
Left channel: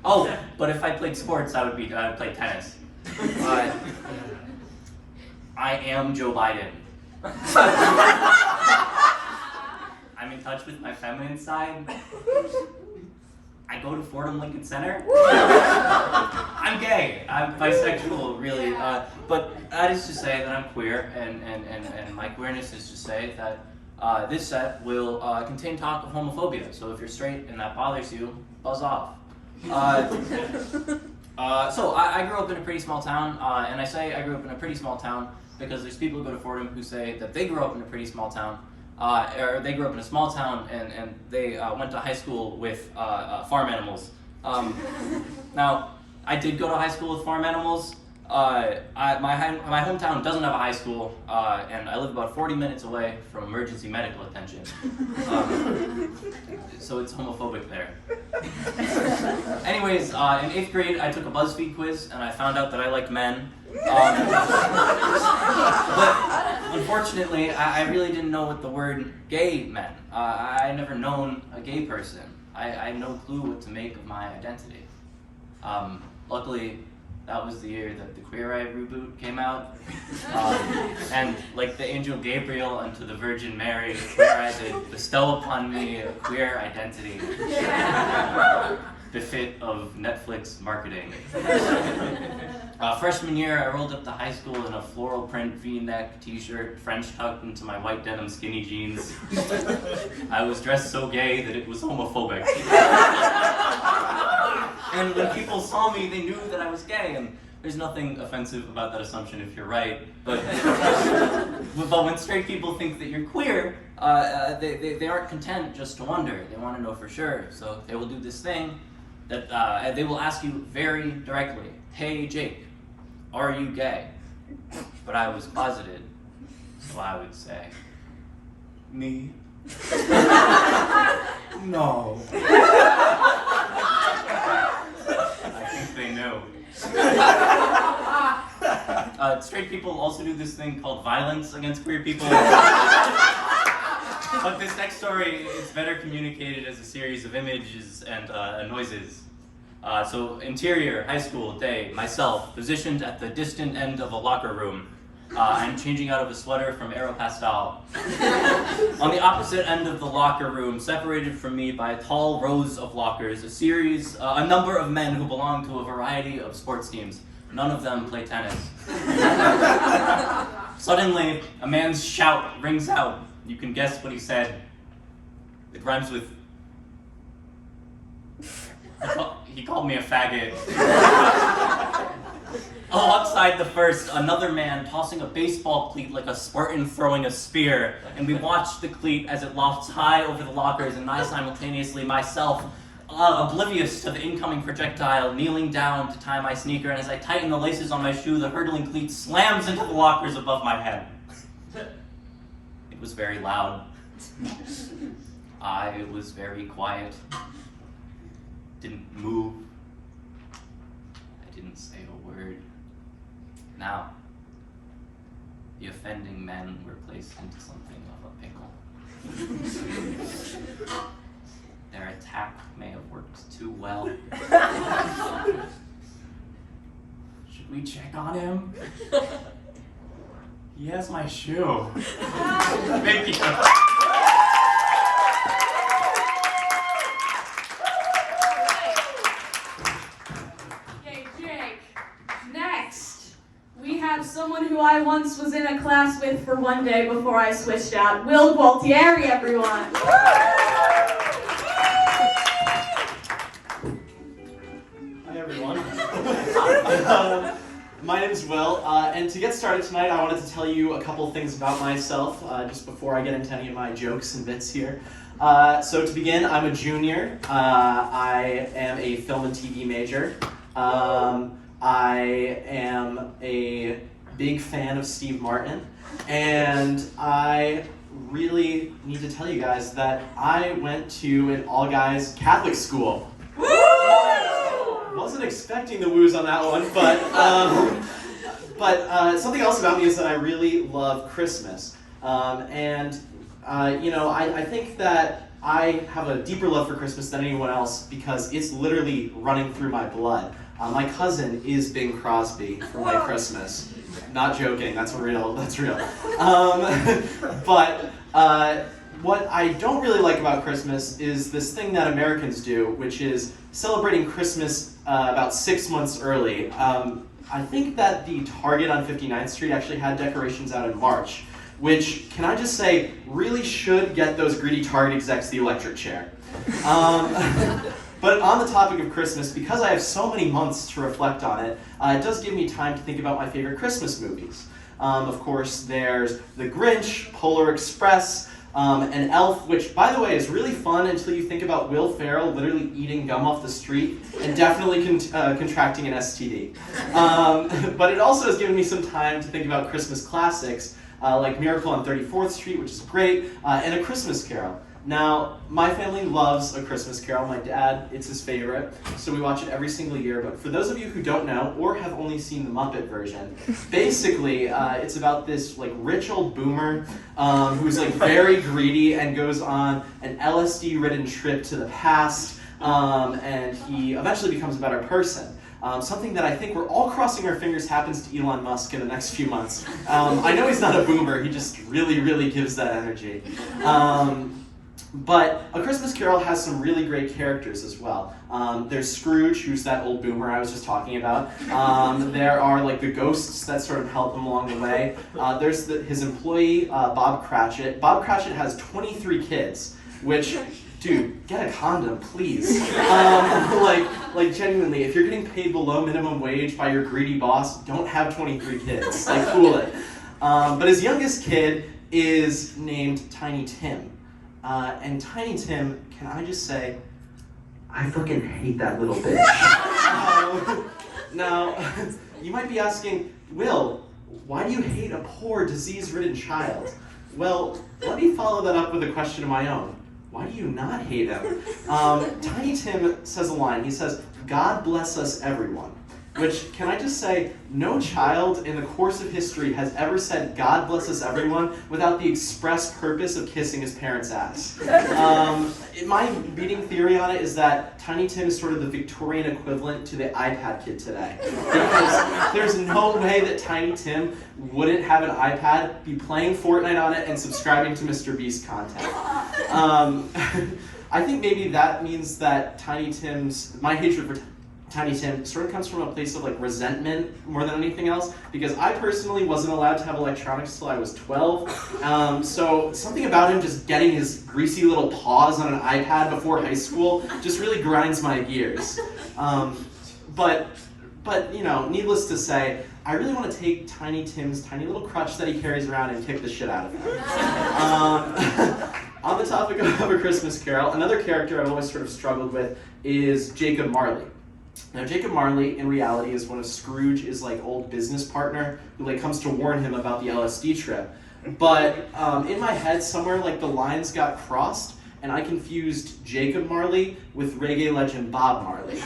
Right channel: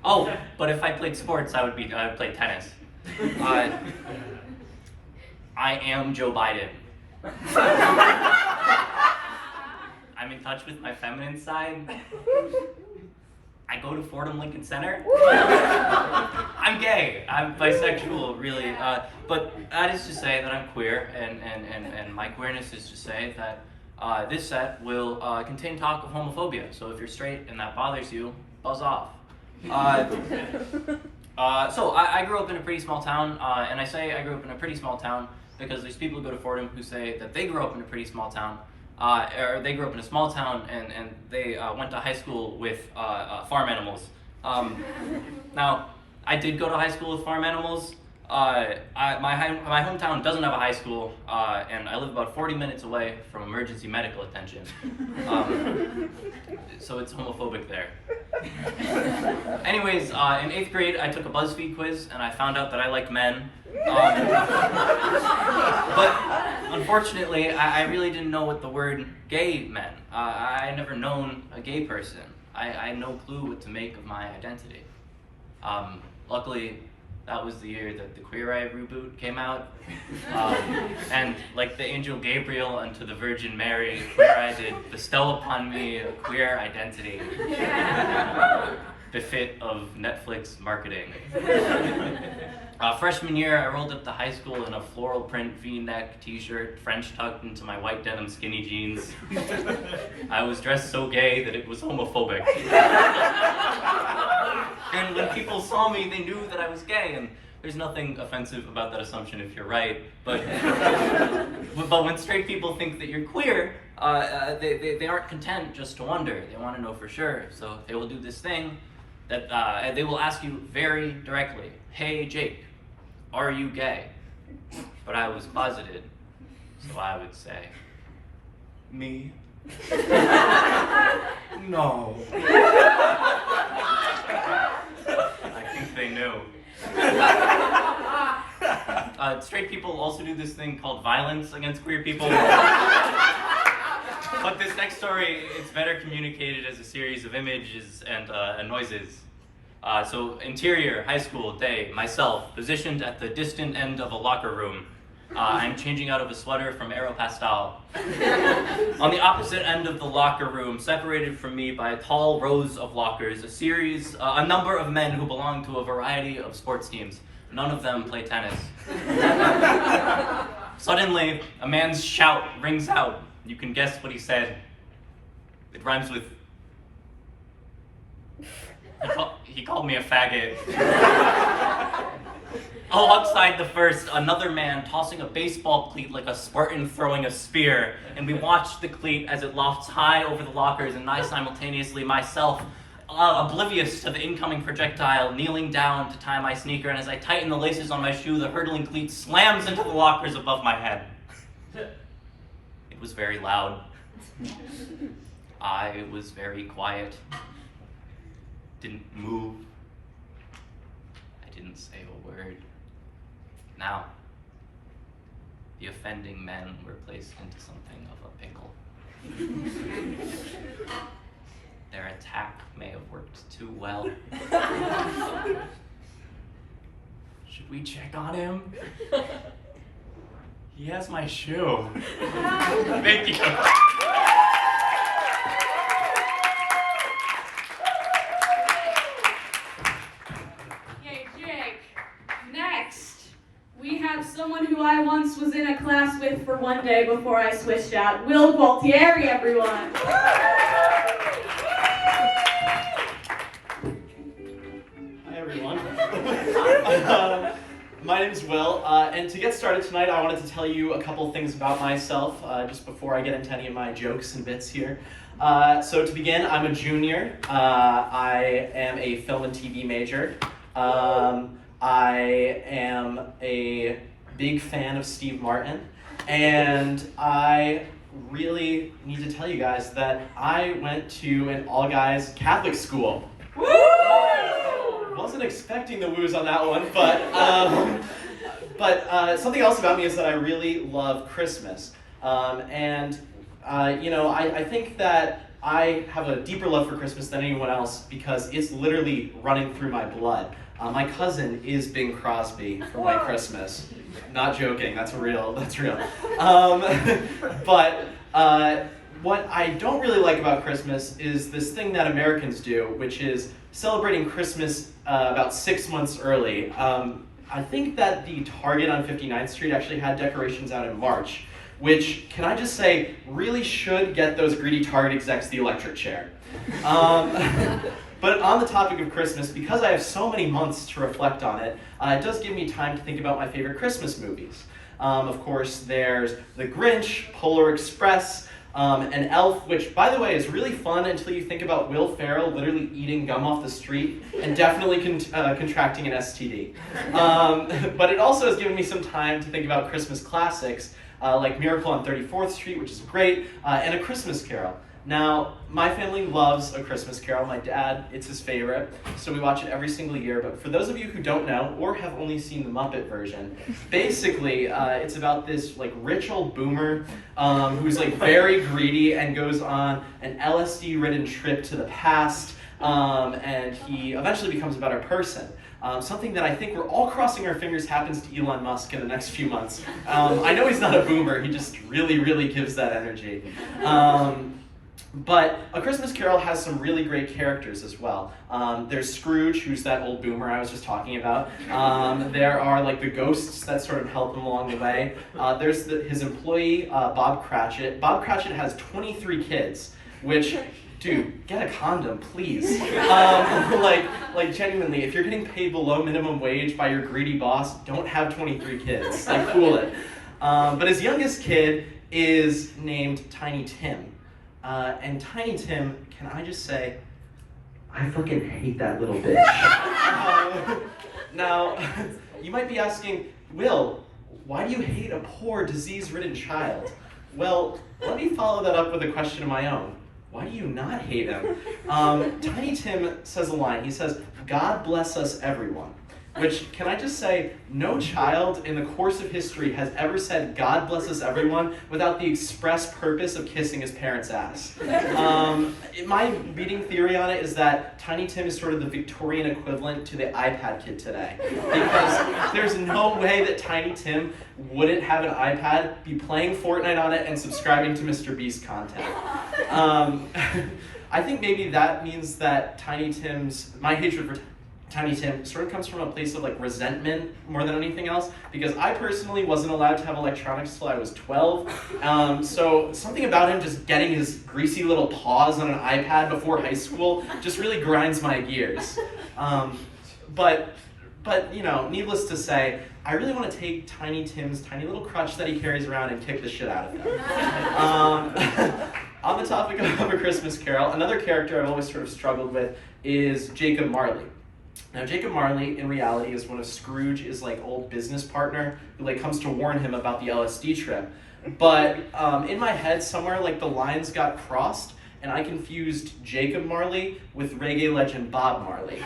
Oh, but if I played sports, I would play tennis. I am Joe Biden. I'm in touch with my feminine side. I go to Fordham Lincoln Center. I'm gay. I'm bisexual, really. But that is to say that I'm queer, and my queerness is to say that this set will contain talk of homophobia. So if you're straight and that bothers you, buzz off. So I grew up in a pretty small town, and I say I grew up in a pretty small town because there's people who go to Fordham who say that they grew up in a pretty small town, or they grew up in a small town and they went to high school with farm animals. Now, I did go to high school with farm animals. My hometown doesn't have a high school, and I live about 40 minutes away from emergency medical attention. So it's homophobic there. Anyways, in 8th grade, I took a BuzzFeed quiz, and I found out that I liked men. But unfortunately, I really didn't know what the word gay meant. I never known a gay person. I had no clue what to make of my identity. Luckily, that was the year that the Queer Eye reboot came out. And like the angel Gabriel unto the Virgin Mary, Queer Eye did bestow upon me a queer identity. Befit of Netflix marketing. Freshman year, I rolled up to high school in a floral print V-neck t-shirt, French tucked into my white denim skinny jeans. I was dressed so gay that it was homophobic. And when people saw me, they knew that I was gay, and there's nothing offensive about that assumption if you're right, but when straight people think that you're queer, they aren't content just to wonder. They want to know for sure, so they will do this thing that they will ask you very directly, "Hey Jake, are you gay?" But I was closeted, so I would say, "Me? No." I think they knew. Straight straight people also do this thing called violence against queer people. But this next story, it's better communicated as a series of images and noises. So interior, high school, day, myself, positioned at the distant end of a locker room. I'm changing out of a sweater from Aeropostale. On the opposite end of the locker room, separated from me by a tall rows of lockers, a number of men who belong to a variety of sports teams. None of them play tennis. Suddenly, a man's shout rings out. You can guess what he said. It rhymes with... He called me a faggot. Alongside the first, another man tossing a baseball cleat like a Spartan throwing a spear, and we watched the cleat as it lofts high over the lockers, and I simultaneously, myself, oblivious to the incoming projectile, kneeling down to tie my sneaker, and as I tighten the laces on my shoe, the hurtling cleat slams into the lockers above my head. It was very loud. I was very quiet. Didn't move. I didn't say a word. Now, the offending men were placed into something of a pickle. Their attack may have worked too well. Should we check on him? He has my shoe. Thank you. Someone who I once was in a class with for one day before I switched out. Will Gualtieri, everyone. Hi, everyone. My name's Will, and to get started tonight, I wanted to tell you a couple things about myself, just before I get into any of my jokes and bits here. So to begin, I'm a junior. I am a film and TV major. I am a big fan of Steve Martin, and I really need to tell you guys that I went to an all-guys Catholic school. Woo! Wasn't expecting the woos on that one, but something else about me is that I really love Christmas, I think that I have a deeper love for Christmas than anyone else because it's literally running through my blood. My cousin is Bing Crosby for my Christmas. Not joking, that's real. But what I don't really like about Christmas is this thing that Americans do, which is celebrating Christmas about 6 months early. I think that the Target on 59th Street actually had decorations out in March, which, can I just say, really should get those greedy Target execs the electric chair. But on the topic of Christmas, because I have so many months to reflect on it, it does give me time to think about my favorite Christmas movies. Of course, there's The Grinch, Polar Express, and Elf, which, by the way, is really fun until you think about Will Ferrell literally eating gum off the street and definitely contracting an STD. But it also has given me some time to think about Christmas classics, like Miracle on 34th Street, which is great, and A Christmas Carol. Now, my family loves A Christmas Carol. My dad, it's his favorite, so we watch it every single year. But for those of you who don't know, or have only seen the Muppet version, basically, it's about this rich old boomer who's very greedy and goes on an LSD-ridden trip to the past, and he eventually becomes a better person. Something that I think we're all crossing our fingers happens to Elon Musk in the next few months. I know he's not a boomer, he just really, really gives that energy. But A Christmas Carol has some really great characters as well. There's Scrooge, who's that old boomer I was just talking about. There are the ghosts that sort of help him along the way. There's his employee, Bob Cratchit. Bob Cratchit has 23 kids, which, dude, get a condom, please. Genuinely, if you're getting paid below minimum wage by your greedy boss, don't have 23 kids. Cool it. But his youngest kid is named Tiny Tim. And Tiny Tim, can I just say, I fucking hate that little bitch. Now, you might be asking, Will, why do you hate a poor, disease-ridden child? Well, let me follow that up with a question of my own. Why do you not hate him? Tiny Tim says a line. He says, God bless us, everyone. which, can I just say, no child in the course of history has ever said God blesses everyone without the express purpose of kissing his parents' ass. My beating theory on it is that Tiny Tim is sort of the Victorian equivalent to the iPad kid today. Because there's no way that Tiny Tim wouldn't have an iPad, be playing Fortnite on it, and subscribing to Mr. Beast content. I think maybe that means that my hatred for Tiny Tim sort of comes from a place of like resentment more than anything else, because I personally wasn't allowed to have electronics till I was 12. So something about him just getting his greasy little paws on an iPad before high school just really grinds my gears. But you know, needless to say, I really want to take Tiny Tim's tiny little crutch that he carries around and kick the shit out of him. On the topic of A Christmas Carol, another character I've always sort of struggled with is Jacob Marley. Now, Jacob Marley, in reality, is one of Scrooge's like old business partner who like comes to warn him about the LSD trip. But in my head, somewhere like the lines got crossed, and I confused Jacob Marley with reggae legend Bob Marley.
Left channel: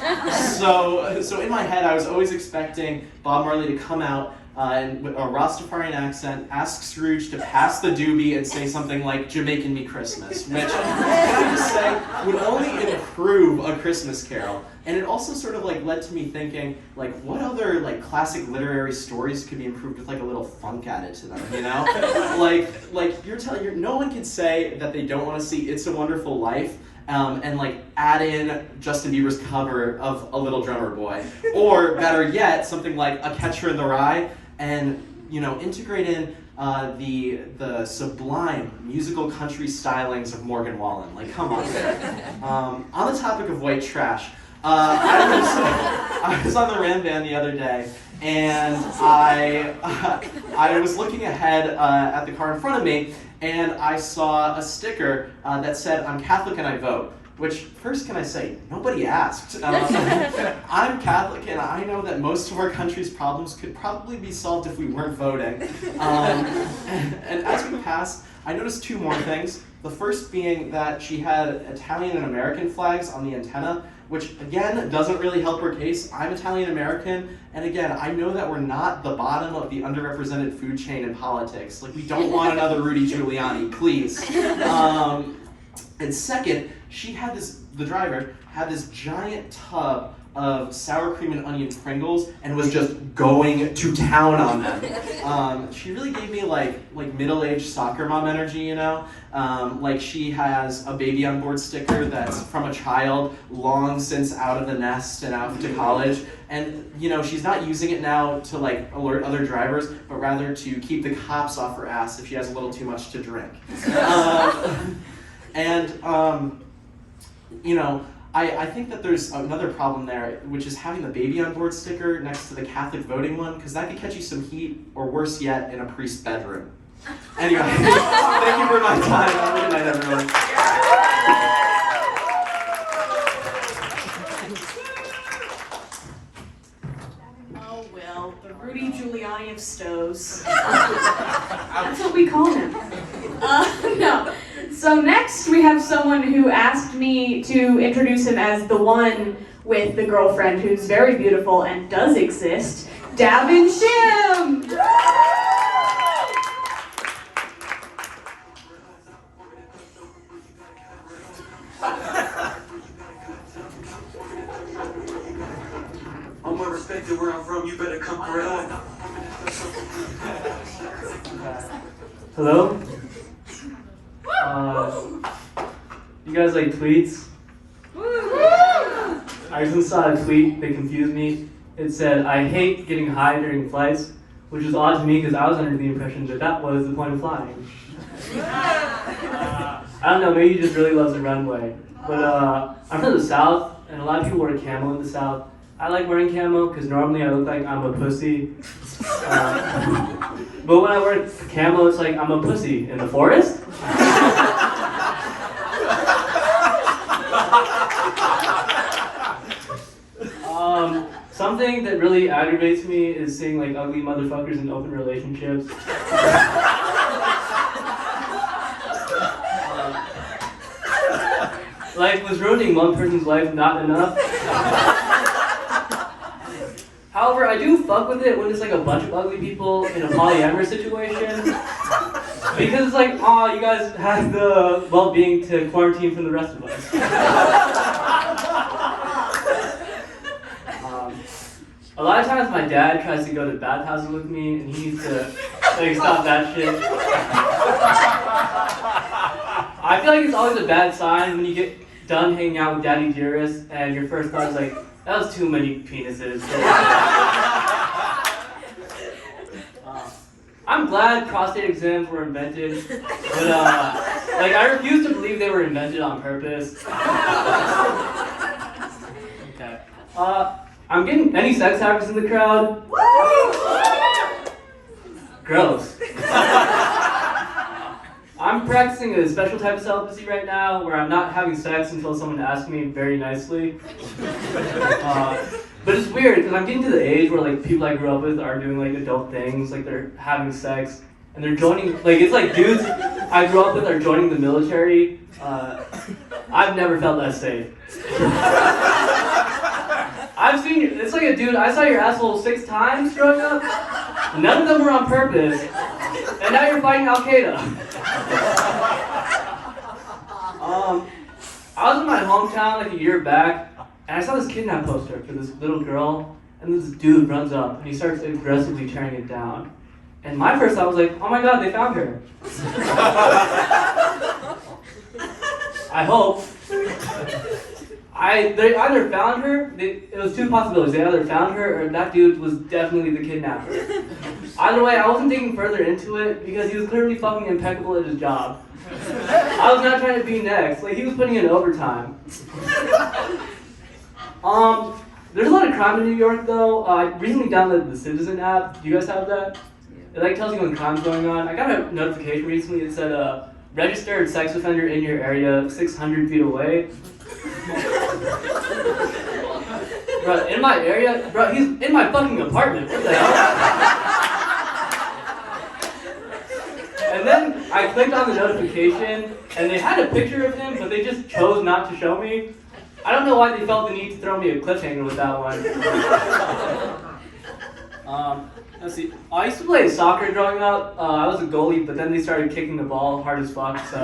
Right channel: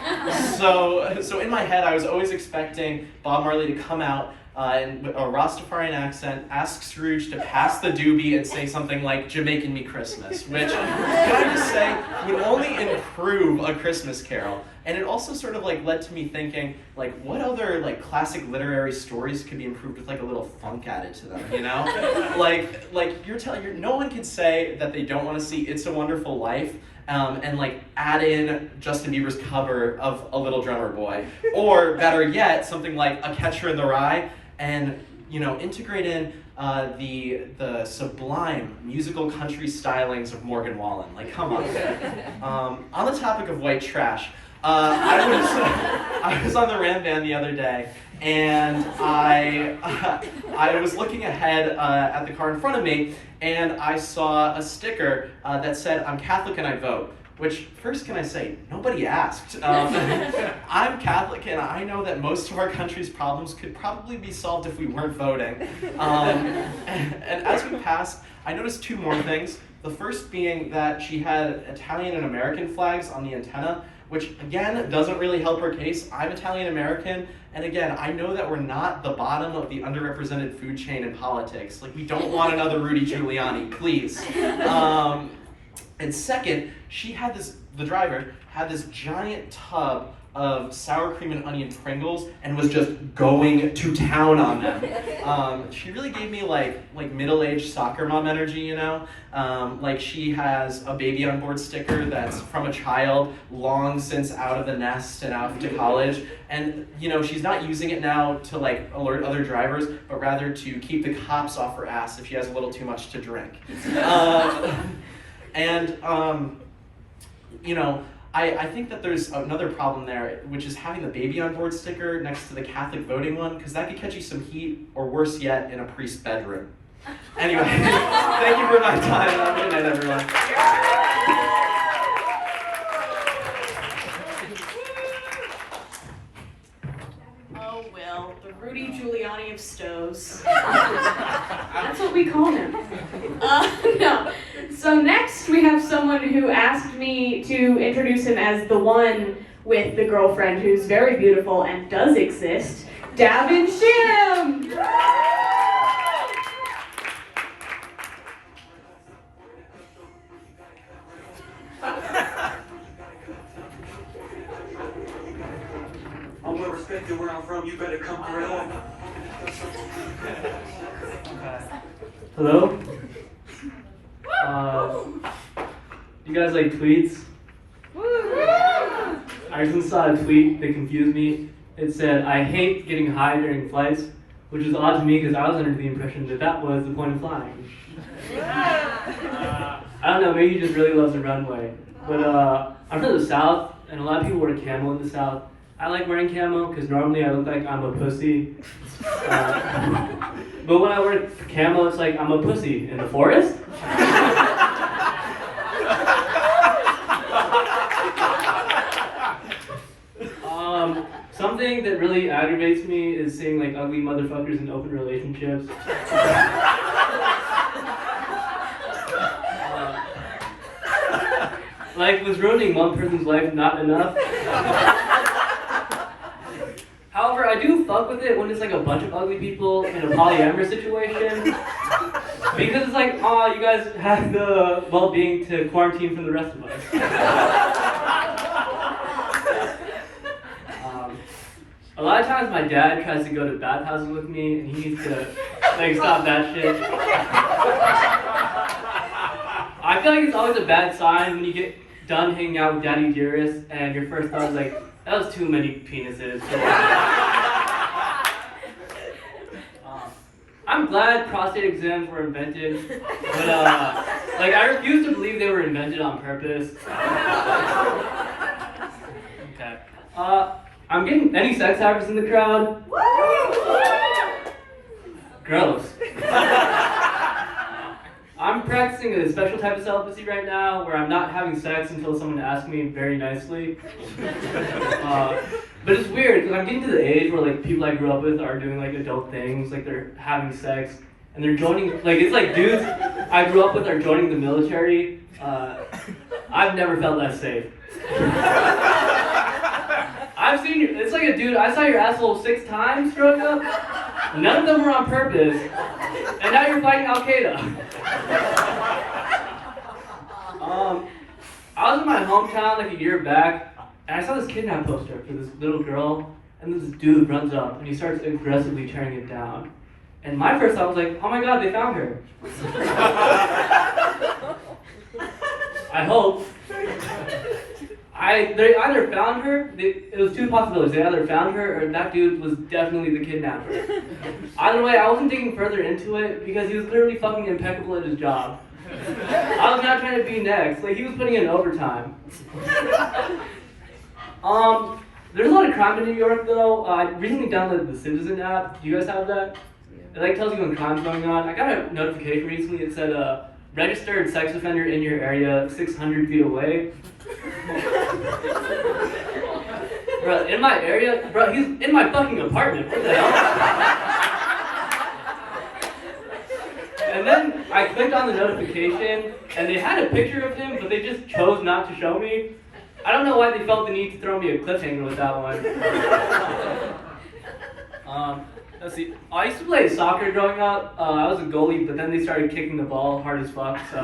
So in my head, I was always expecting Bob Marley to come out and with a Rastafarian accent, ask Scrooge to pass the doobie and say something like "Jamaican Me Christmas," which, can I just say, would only improve A Christmas Carol. And it also sort of like led to me thinking, like, what other like classic literary stories could be improved with like a little funk added to them, you know? like no one can say that they don't want to see It's a Wonderful Life and like add in Justin Bieber's cover of A Little Drummer Boy, or better yet, something like A Catcher in the Rye, and you know, integrate in the sublime musical country stylings of Morgan Wallen. Like, come on. On the topic of white trash, I was on the Ram Van the other day, and I was looking ahead at the car in front of me, and I saw a sticker that said, "I'm Catholic and I vote." Which, first can I say, nobody asked. I'm Catholic, and I know that most of our country's problems could probably be solved if we weren't voting. And as we passed, I noticed two more things. The first being that she had Italian and American flags on the antenna, which again, doesn't really help her case. I'm Italian American, and again, I know that we're not the bottom of the underrepresented food chain in politics. Like, we don't want another Rudy Giuliani, please. And second, the driver had this giant tub of sour cream and onion Pringles and was just going to town on them. She really gave me like middle-aged soccer mom energy, you know? Like, she has a baby on board sticker that's from a child long since out of the nest and out to college. And, you know, she's not using it now to like alert other drivers, but rather to keep the cops off her ass if she has a little too much to drink. You know, I think that there's another problem there, which is having the baby on board sticker next to the Catholic voting one, because that could catch you some heat, or worse yet, in a priest's bedroom. Anyway, thank you for my time. Have a good night, everyone. Oh, well, the Rudy Giuliani of stoves. That's what we call him. No. So next we have someone who asked me to introduce him as the one with the girlfriend who's very beautiful and does exist, Davin Shim! I'm well respected where I'm from, you better come correct. Hello? You guys like tweets? I recently saw a tweet that confused me. It said, "I hate getting high during flights," which was odd to me because I was under the impression that that was the point of flying. I don't know, maybe he just really loves the runway. But I'm from the South, and a lot of people wear camo in the South. I like wearing camo because normally I look like I'm a pussy. But when I wear camo, it's like I'm a pussy in the forest. Something that really aggravates me is seeing like ugly motherfuckers in open relationships. Like, was ruining one person's life not enough? However, I do fuck with it when it's like a bunch of ugly people in a polyamorous situation. Because it's like, oh, you guys have the well-being to quarantine from the rest of us. A lot of times my dad tries to go to bathhouses with me and he needs to like stop that shit. I feel like it's always a bad sign when you get done hanging out with Daddy Dearest and your first thought is like, that was too many penises. I'm glad prostate exams were invented, but like I refuse to believe they were invented on purpose. Okay. I'm getting any sex hackers in the crowd. Gross. I'm practicing a special type of celibacy right now where I'm not having sex until someone asks me very nicely. But it's weird because I'm getting to the age where like people I grew up with are doing like adult things, like they're having sex and they're joining, like it's like dudes I grew up with are joining the military. I've never felt that safe. I've seen you, it's like a dude, I saw your asshole 6 times growing up. None of them were on purpose. And now you're fighting Al-Qaeda. I was in my hometown like a year back, and I saw this kidnap poster for this little girl, and this dude runs up, and he starts aggressively tearing it down. And my first thought was like, oh my god, they found her. I hope. They either found her, it was 2 possibilities. They either found her or that dude was definitely the kidnapper. Either way, I wasn't digging further into it because he was clearly fucking impeccable at his job. I was not trying to be next. Like, he was putting in overtime. There's a lot of crime in New York, though. I recently downloaded the Citizen app. Do you guys have that? It like tells you when crime's going on. I got a notification recently. It said, registered sex offender in your area 600 feet away. Bro, in my area? Bro, he's in my fucking apartment. What the hell? And then I clicked on the notification, and they had a picture of him, but they just chose not to show me. I don't know why they felt the need to throw me a cliffhanger with that one. Let's see. I used to play soccer growing up. I was a goalie, but then they started kicking the ball hard as fuck, so.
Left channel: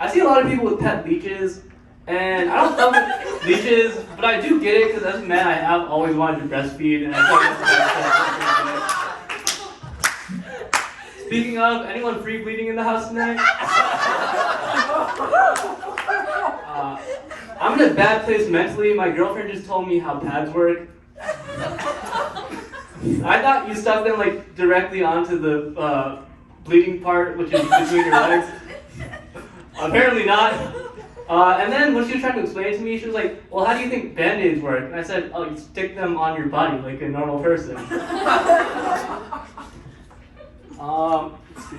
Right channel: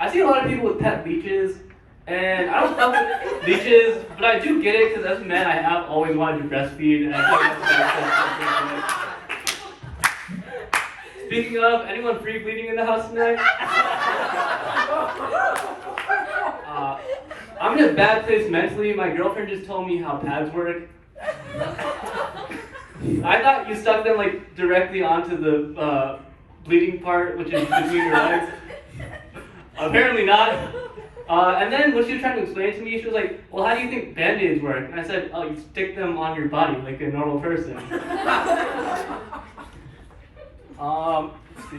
I see a lot of people with pet leeches, and I don't fuck with leeches, but I do get it because as a man I have always wanted to breastfeed, and I feel like that's the best. Speaking of, anyone free bleeding in the house tonight? I'm in a bad place mentally. My girlfriend just told me how pads work. I thought you stuck them like directly onto the bleeding part, which is between your legs. Apparently not. And then when she was trying to explain it to me, she was like, well, how do you think Band-Aids work? And I said, oh, you stick them on your body like a normal person. Let's see.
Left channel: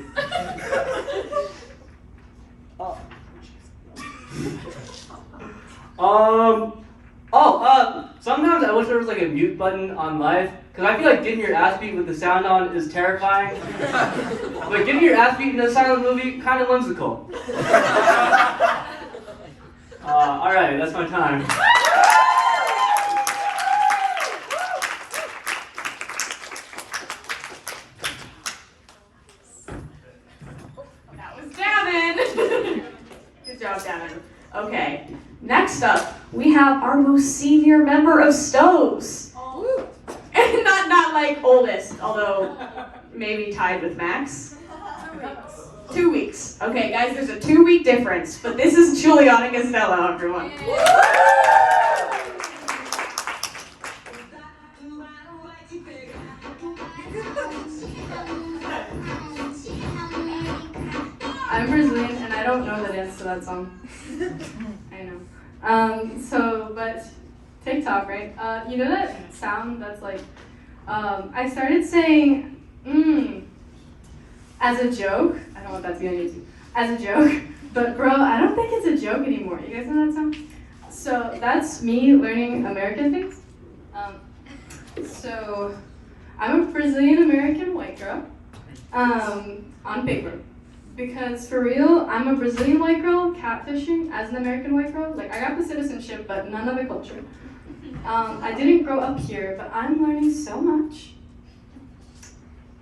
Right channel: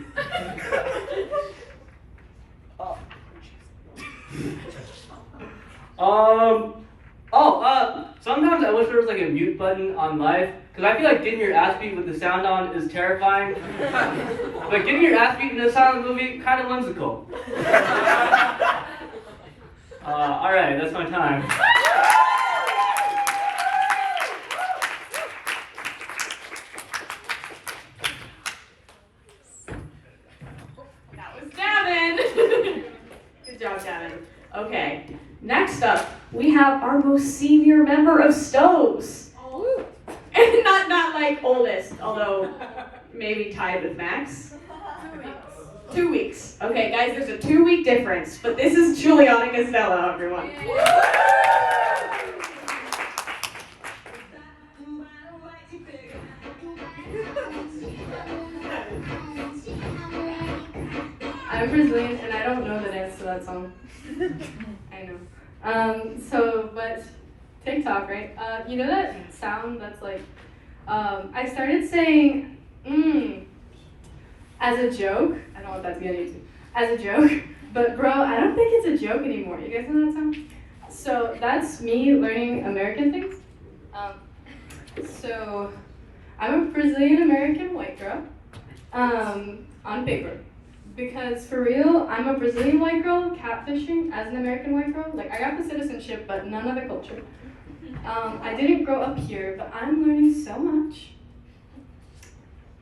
Sometimes I wish there was like a mute button on life, because I feel like getting your ass beat with the sound on is terrifying. But getting your ass beat in a silent movie, kind of whimsical. Alright, that's my time. That was Davin. Good job, Davin. Okay, next up, we have our most senior member of Stoves. Oh. And not like oldest, although maybe tied with Max. 2 weeks. Okay, guys, there's a 2-week difference, but this is Juliana and Stella, everyone. I'm Brazilian and I don't know the dance to that song. I know. But TikTok, right? You know that sound that's like, I started saying, as a joke. I don't know what that's gonna use. As a joke. But bro, I don't think it's a joke anymore. You guys know that sound? So that's me learning American things. So I'm a Brazilian American white girl. On paper. Because for real, I'm a Brazilian white girl catfishing as an American white girl. Like I got the citizenship, but none of the culture. I didn't grow up here, but I'm learning so much.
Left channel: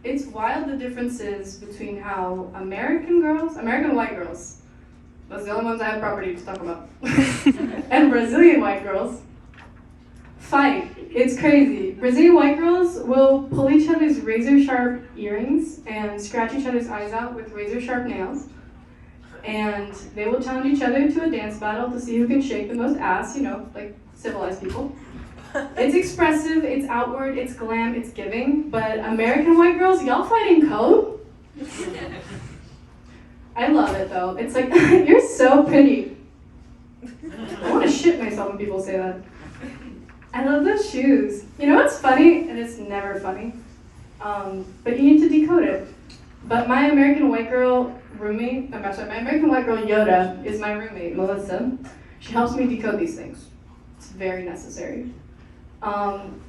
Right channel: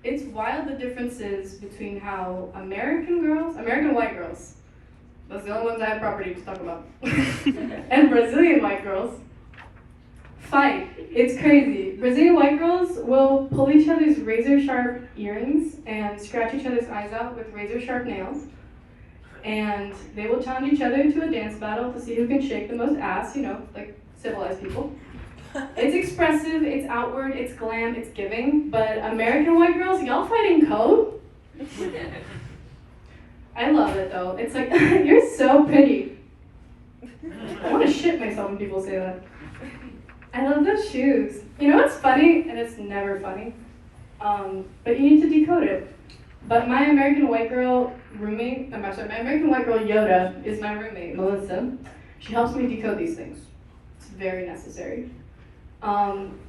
It's wild the differences between how American white girls, those are the only ones I have property to talk about, and Brazilian white girls fight. It's crazy. Brazilian white girls will pull each other's razor sharp earrings and scratch each other's eyes out with razor sharp nails. And they will challenge each other to a dance battle to see who can shake the most ass, you know, like civilized people. It's expressive, it's outward, it's glam, it's giving, but American white girls, y'all fighting code? I love it though. It's like, you're so pretty. I want to shit myself when people say that. I love those shoes. You know what's funny? And it's never funny. But you need to decode it. But my American white girl roommate, my American white girl Yoda is my roommate, Melissa. She helps me decode these things. It's very necessary.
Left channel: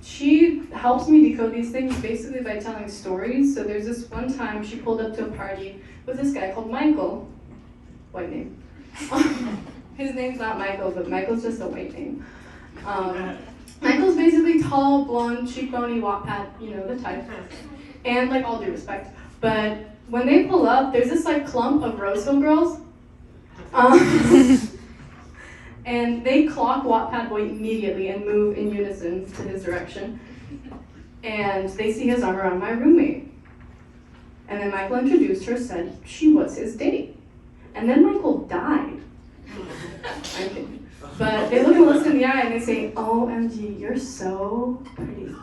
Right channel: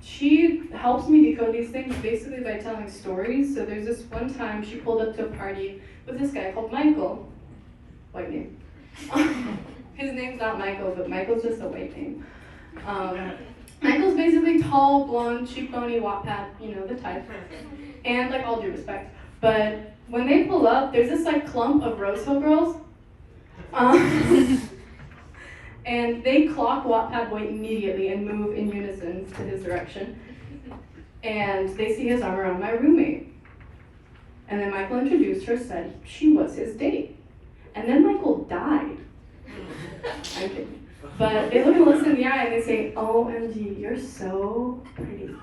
She helps me decode these things basically by telling stories. So there's this one time she pulled up to a party with this guy called Michael. White name. His name's not Michael, but Michael's just a white name. Michael's basically tall, blonde, cheekbony, Wattpad, you know, the type. And like all due respect. But when they pull up, there's this like clump of Roseville girls. And they clock Wattpad boy immediately and move in unison to his direction. And they see his arm around my roommate. And then Michael introduced her, said she was his date. And then Michael died. I'm kidding. But they look Melissa in the eye and they say, OMG, you're so pretty.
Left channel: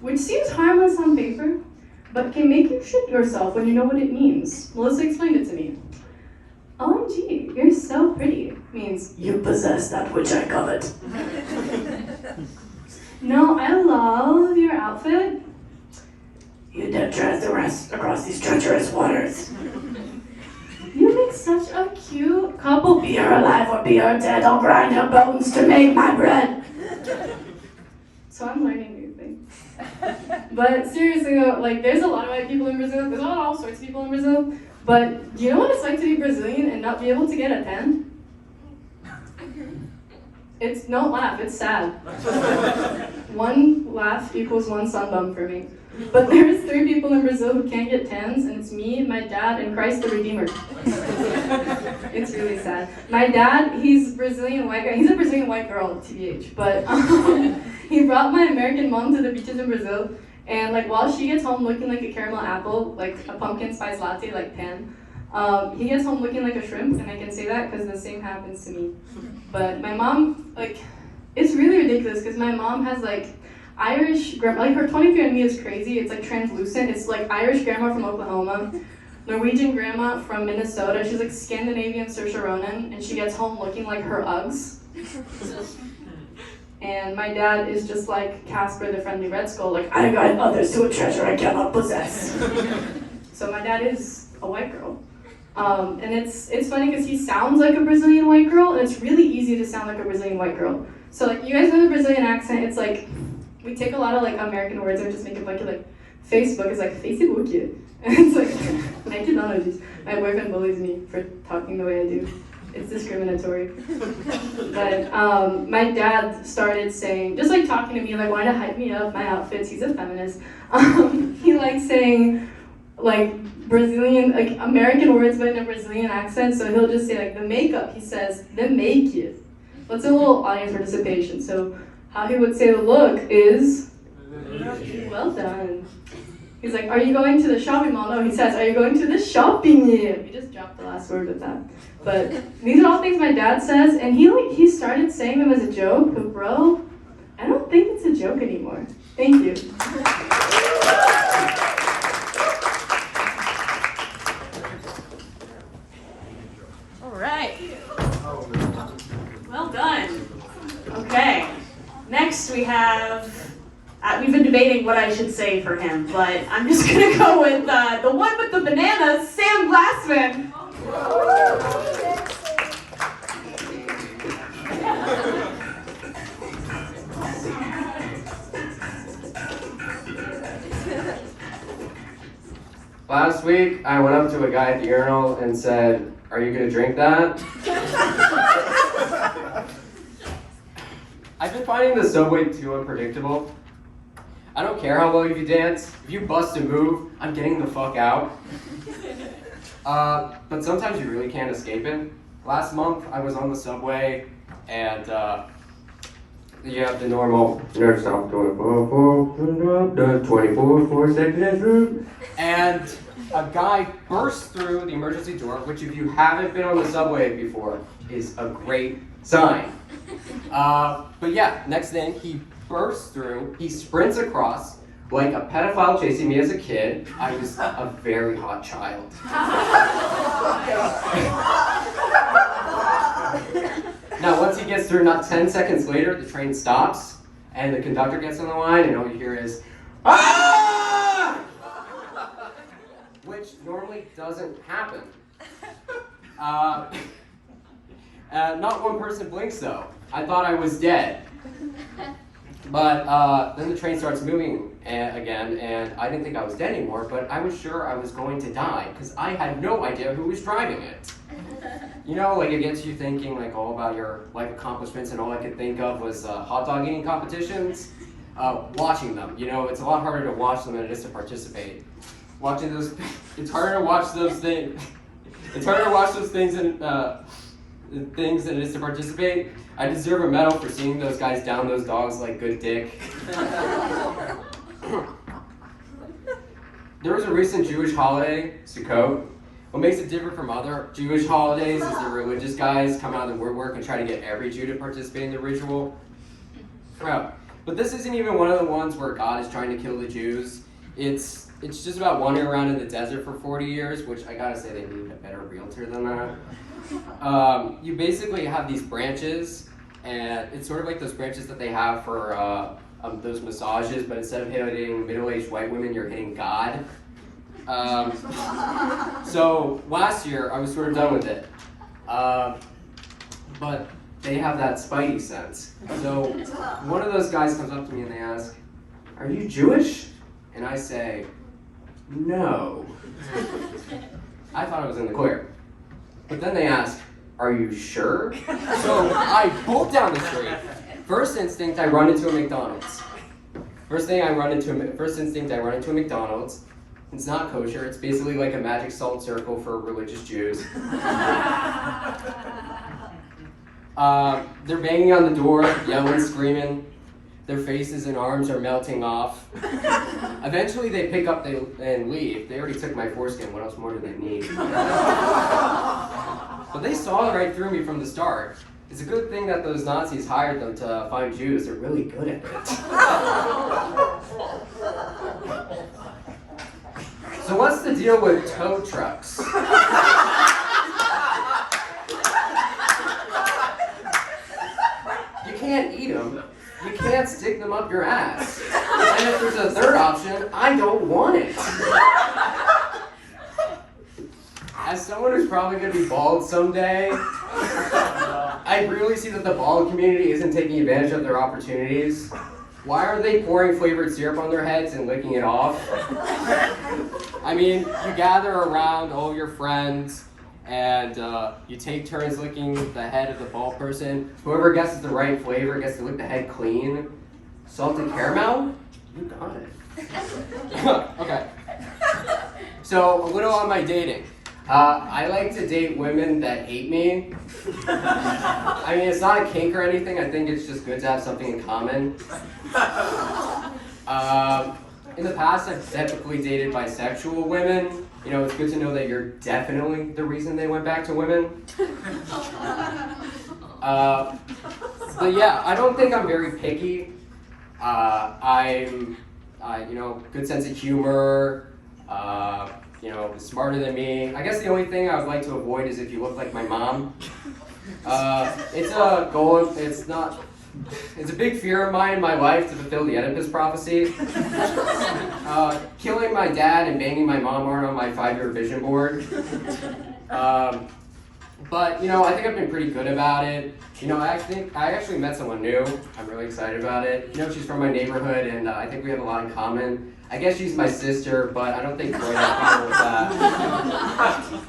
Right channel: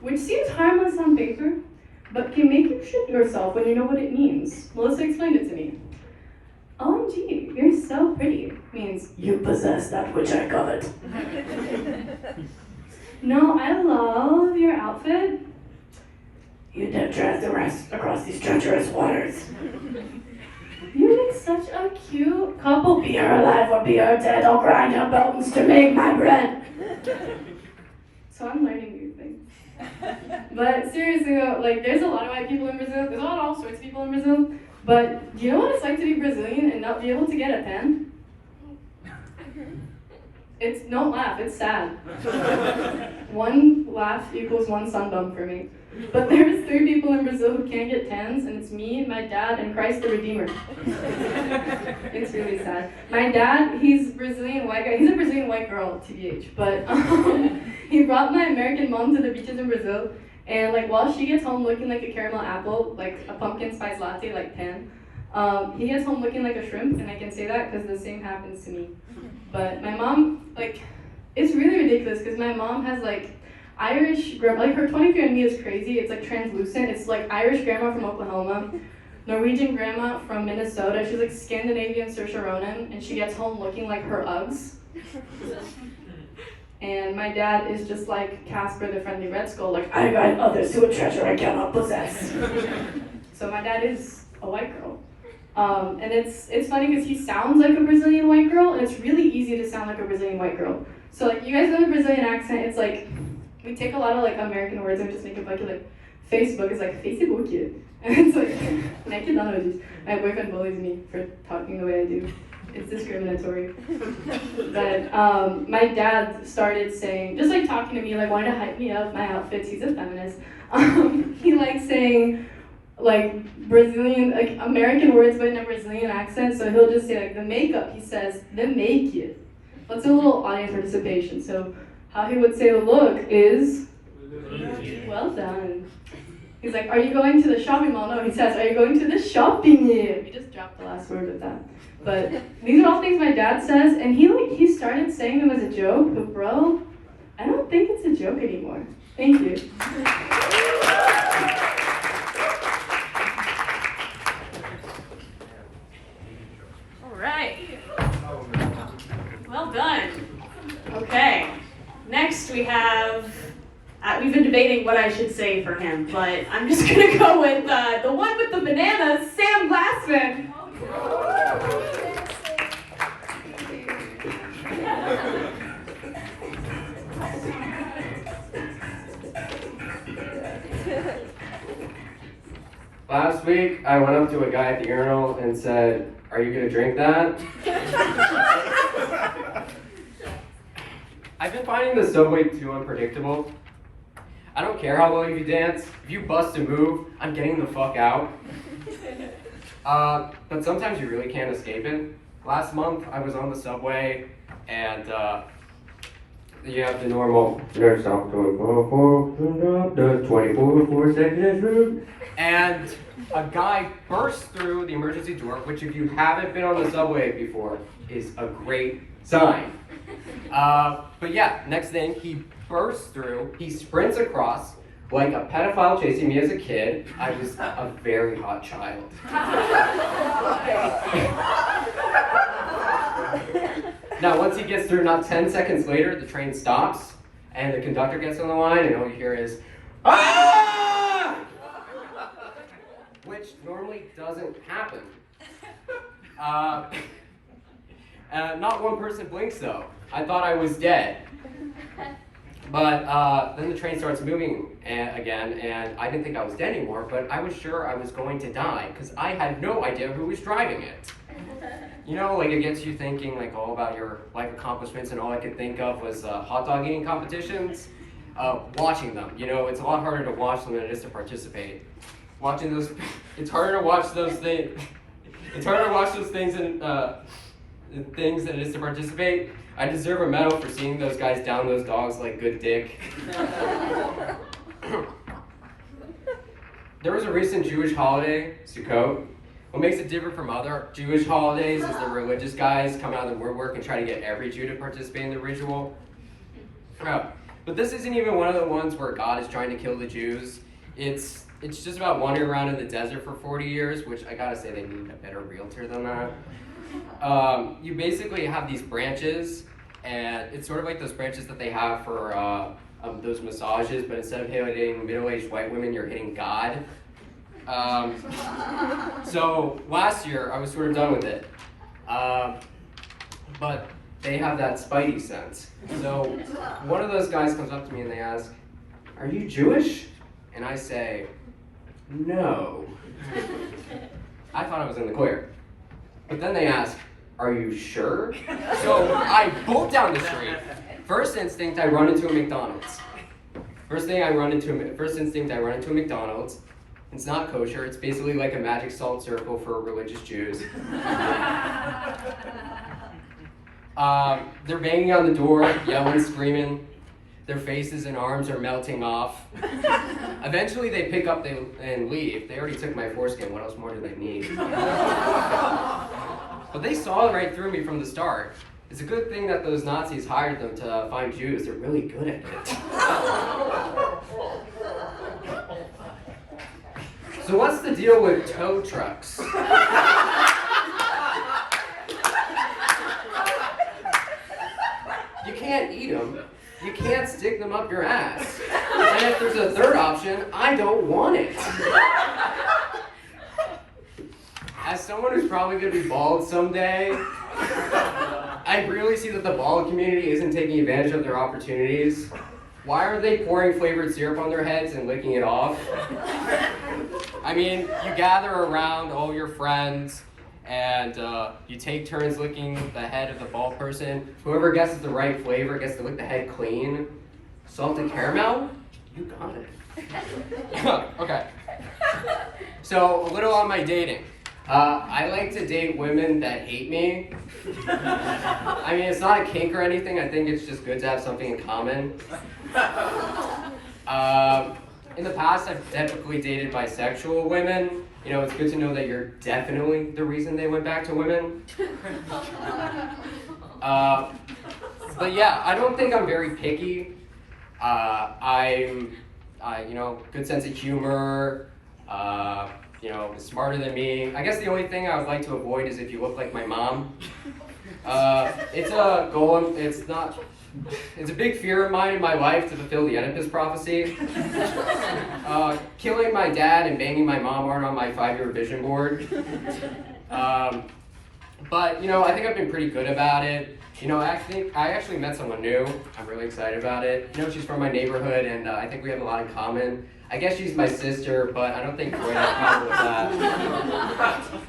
Which seems harmless on paper, but can make you shit yourself when you know what it means. Melissa explained it to me. OMG, you're so pretty means you possess that which I covet. No, I love your outfit. You dip transgress across these treacherous waters. You make such a cute couple. Be her alive or be her dead, I'll grind your bones to make my bread. So I'm learning new things. But seriously though, like there's a lot of white people in Brazil, there's a lot of all sorts of people in Brazil, but do you know what it's like to be Brazilian and not be able to get a pen? Don't laugh, it's sad. One laugh equals one sunbum for me. But there's 3 people in Brazil who can't get tens, and it's me, my dad, and Christ the Redeemer. It's really sad. My dad, he's Brazilian white guy. He's a Brazilian white girl, TBH. But he brought my American mom to the beaches in Brazil, and like while she gets home looking like a caramel apple, like a pumpkin spice latte, like pan, he gets home looking like a shrimp, and I can say that because the same happens to me. But my mom, like, it's really ridiculous because my mom has like Irish grandma, like her 23andMe is crazy. It's like translucent. It's like Irish grandma from Oklahoma, Norwegian grandma from Minnesota. She's like Scandinavian Saoirse Ronan, and she gets home looking like her Uggs. And my dad is just like Casper the Friendly Red Skull, like I guide others to a treasure I cannot possess. So my dad is a white girl. And it's funny because he sounds like a Brazilian white girl, and it's really easy to sound like a Brazilian white girl. So like you guys know the Brazilian accent, it's like we take a lot of like American words and just make it funky. Like Facebook is like Facebook, and it's like I can none of these. My boyfriend bullies me for talking the way I do. It's discriminatory. But my dad started saying, just like talking to me, like wanting to hype me up, my outfits. He's a feminist. He likes saying like Brazilian, like American words, but in a Brazilian accent. So he'll just say like the makeup. He says the make it. Let's do a little audience participation. So how he would say the look is, well done. He's like, are you going to the shopping mall? No, he says, are you going to the shopping mall? He just dropped the last word of that. But these are all things my dad says, and he started saying them as a joke, but bro, I don't think it's a joke anymore. Thank you. All right. Well done. Okay. Next we have, we've been debating what I should say for him, but I'm just gonna go with the one with the bananas, Sam Glassman. Last week, I went up to a guy at the urinal and said, "Are you gonna drink that?" I've been finding the subway too unpredictable. I don't care how well you dance. If you bust a move, I'm getting the fuck out. But sometimes you really can't escape it. Last month, I was on the subway, and you have the normal, next stop, 24 seconds, and a guy burst through the emergency door, which if you haven't been on the subway before, is a great sign. But yeah, next thing, he bursts through, he sprints across, like a pedophile chasing me as a kid. I was a very hot child. Now, once he gets through, not 10 seconds later, the train stops, and the conductor gets on the line, and all you hear is, "Ah!" Which normally doesn't happen. Not one person blinks, though. I thought I was dead. But then the train starts moving again, and I didn't think I was dead anymore, but I was sure I was going to die, because I had no idea who was driving it. You know, like it gets you thinking like all about your life accomplishments, and all I could think of was hot dog eating competitions. Watching them, you know, it's a lot harder to watch them than it is to participate. Watching those, it's harder to watch those things. It's harder to watch those things and things than it is to participate. I deserve a medal for seeing those guys down those dogs like good dick. There was a recent Jewish holiday, Sukkot. What makes it different from other Jewish holidays is the religious guys come out of the woodwork and try to get every Jew to participate in the ritual. But this isn't even one of the ones where God is trying to kill the Jews. It's just about wandering around in the desert for 40 years, which I gotta say they need a better realtor than that. You basically have these branches, and it's sort of like those branches that they have for those massages, but instead of hitting middle-aged white women, you're hitting God. So last year, I was sort of done with it. But they have that spidey sense. So one of those guys comes up to me and they ask, "Are you Jewish?" And I say, "No." I thought I was in the clear. But then they ask, "Are you sure?" So I bolt down the street. First instinct, I run into a McDonald's. First instinct, I run into a McDonald's. It's not kosher. It's basically like a magic salt circle for religious Jews. They're banging on the door, yelling, screaming. Their faces and arms are melting off. Eventually they pick up and leave. They already took my foreskin. What else more do they need? But they saw right through me from the start. It's a good thing that those Nazis hired them to find Jews. They're really good at it. So what's the deal with tow trucks? You can't eat them. You can't stick them up your ass. And if there's a third option, I don't want it. As someone who's probably gonna be bald someday, I really see that the bald community isn't taking advantage of their opportunities. Why are they pouring flavored syrup on their heads and licking it off? I mean, you gather around all your friends and you take turns licking the head of the bald person. Whoever guesses the right flavor gets to lick the head clean. Salted caramel? You got it. Okay. So, a little on my dating. I like to date women that hate me. I mean, it's not a kink or anything. I think it's just good to have something in common. In the past, I've typically dated bisexual women. You know, it's good to know that you're definitely the reason they went back to women. But yeah, I don't think I'm very picky. You know, good sense of humor. You know, smarter than me. I guess the only thing I would like to avoid is if you look like my mom. It's a goal. It's a big fear of mine in my life to fulfill the Oedipus prophecy. Killing my dad and banging my mom aren't on my 5-year vision board. But you know, I think I've been pretty good about it. You know, I actually met someone new. I'm really excited about it. You know, she's from my neighborhood, and I think we have a lot in common. I guess she's my sister, but I don't think Troy has a problem with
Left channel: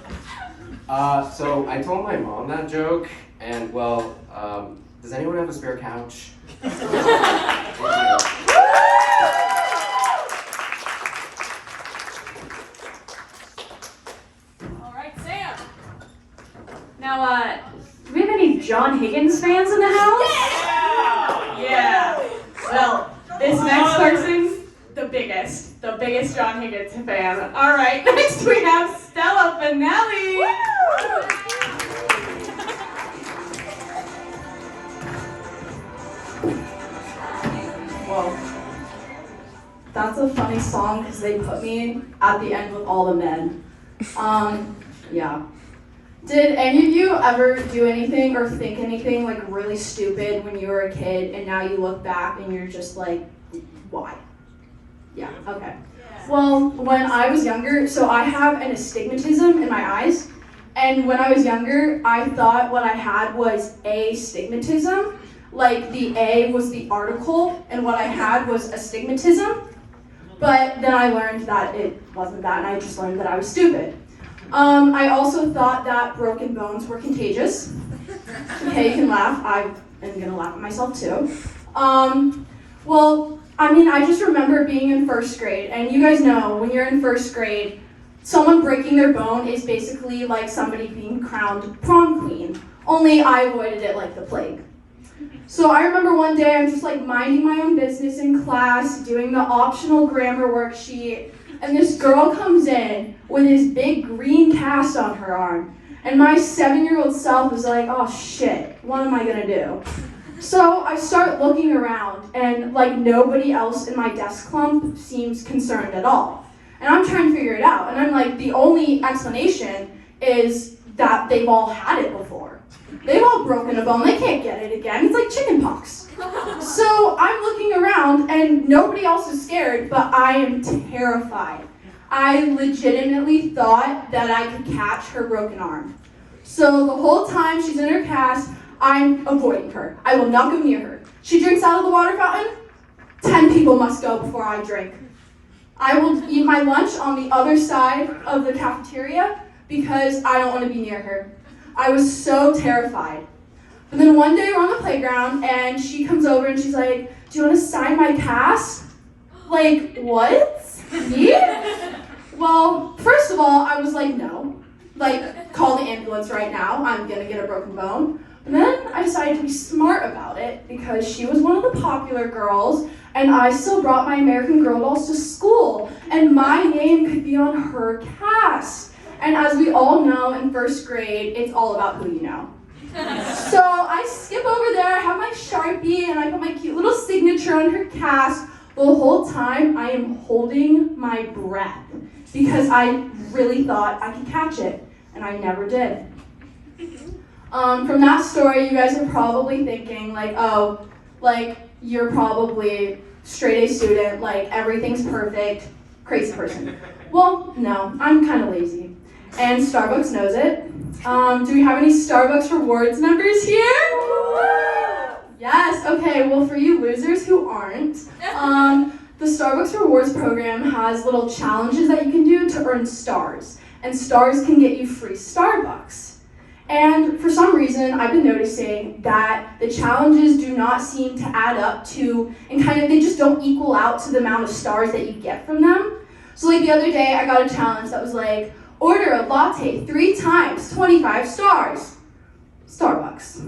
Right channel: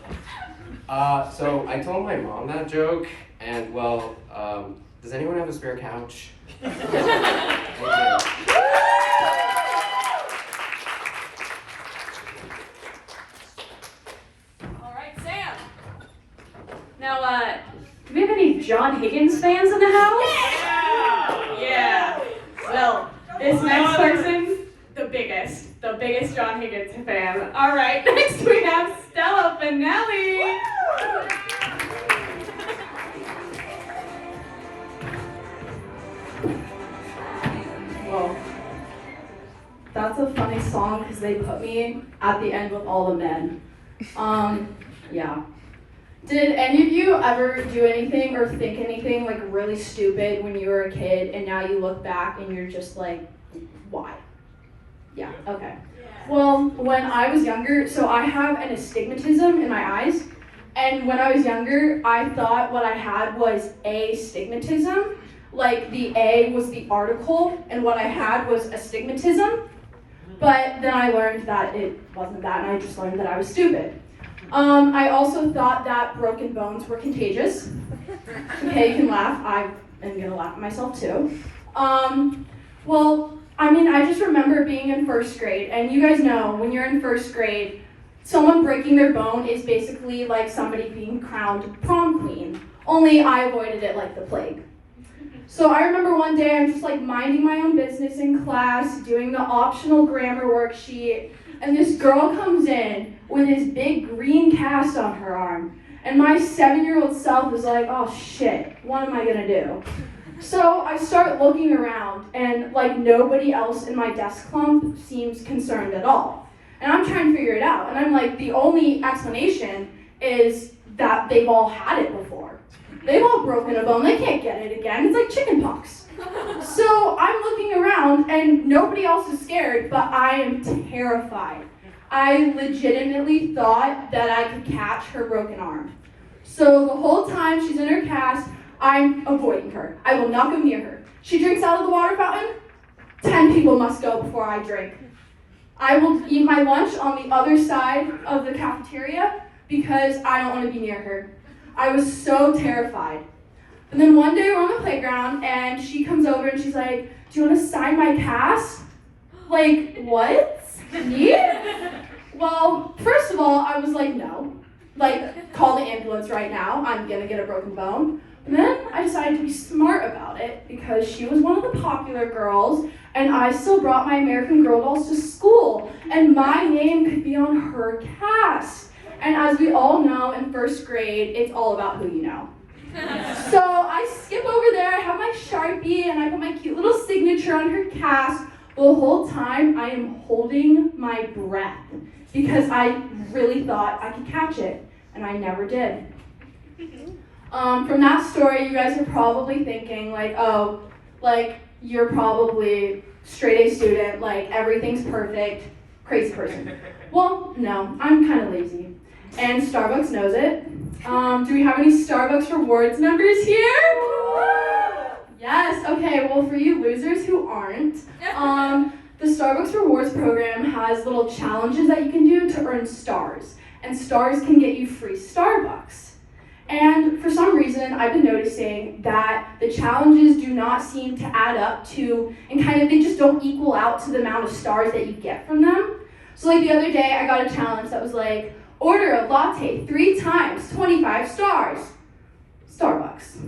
that. So I told my mom that joke, and well, does anyone have a spare couch? Thank you. All right, Sam. Now, do we have any John Higgins fans in the house? Yeah. Well, this next person, the biggest John Higgins fan. All right, next we have Stella Finelli. Well, that's a funny song because they put me at the end with all the men. Yeah. Did any of you ever do anything or think anything like really stupid when you were a kid and now you look back and you're just like, why? Yeah, okay. Well, when I was younger, so I have an astigmatism in my eyes, and when I was younger, I thought what I had was astigmatism. Like the A was the article, and what I had was astigmatism. But then I learned that it wasn't that, and I just learned that I was stupid. I also thought that broken bones were contagious. Okay, you can laugh. I am gonna laugh at myself too. Well, I mean, I just remember being in first grade, and you guys know when you're in first grade, someone breaking their bone is basically like somebody being crowned prom queen. Only I avoided it like the plague. So I remember one day I'm just like minding my own business in class, doing the optional grammar worksheet, and this girl comes in with this big green cast on her arm. And my 7-year-old self was like, oh shit, what am I gonna do? So I start looking around, and like nobody else in my desk clump seems concerned at all. And I'm trying to figure it out, and I'm like, the only explanation is that they've all had it before. They've all broken a bone, they can't get it again, it's like chicken pox. So I'm looking around, and nobody else is scared, but I am terrified. I legitimately thought that I could catch her broken arm. So the whole time she's in her cast, I'm avoiding her. I will not go near her. She drinks out of the water fountain, 10 people must go before I drink. I will eat my lunch on the other side of the cafeteria because I don't want to be near her. I was so terrified. And then one day we're on the playground and she comes over and she's like, do you want to sign my cast? Like, what? Me? Well, first of all, I was like, no. Like, call the ambulance right now. I'm gonna get a broken bone. And then I decided to be smart about it because she was one of the popular girls and I still brought my American Girl dolls to school and my name could be on her cast. And as we all know in first grade, it's all about who you know. So I skip over there, I have my Sharpie and I put my cute little signature on her cast. The whole time I am holding my breath because I really thought I could catch it and I never did. From that story, you guys are probably thinking like, oh, like you're probably straight A student, like everything's perfect, crazy person. Well, no, I'm kind of lazy, and Starbucks knows it. Do we have any Starbucks Rewards members here? Yes, okay, well for you losers who aren't, the Starbucks Rewards program has little challenges that you can do to earn stars, and stars can get you free Starbucks. And for some reason, I've been noticing that the challenges do not seem to add up to, and kind of, they just don't equal out to the amount of stars that you get from them. So like the other day, I got a challenge that was like, order a latte 3 times, 25 stars. Starbucks.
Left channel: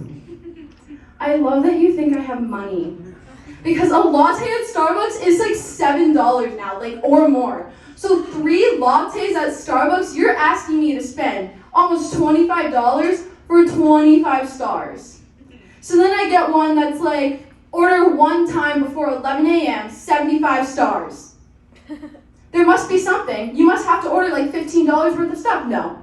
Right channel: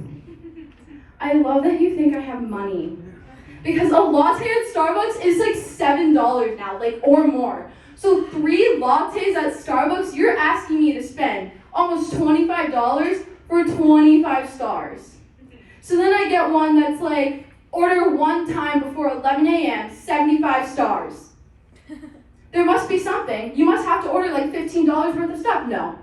I love that you think I have money. Because a latte at Starbucks is like $7 now, like, or more. So 3 lattes at Starbucks, you're asking me to spend almost $25 for 25 stars. So then I get one that's like, order 1 time before 11 a.m., 75 stars. There must be something. You must have to order like $15 worth of stuff. No.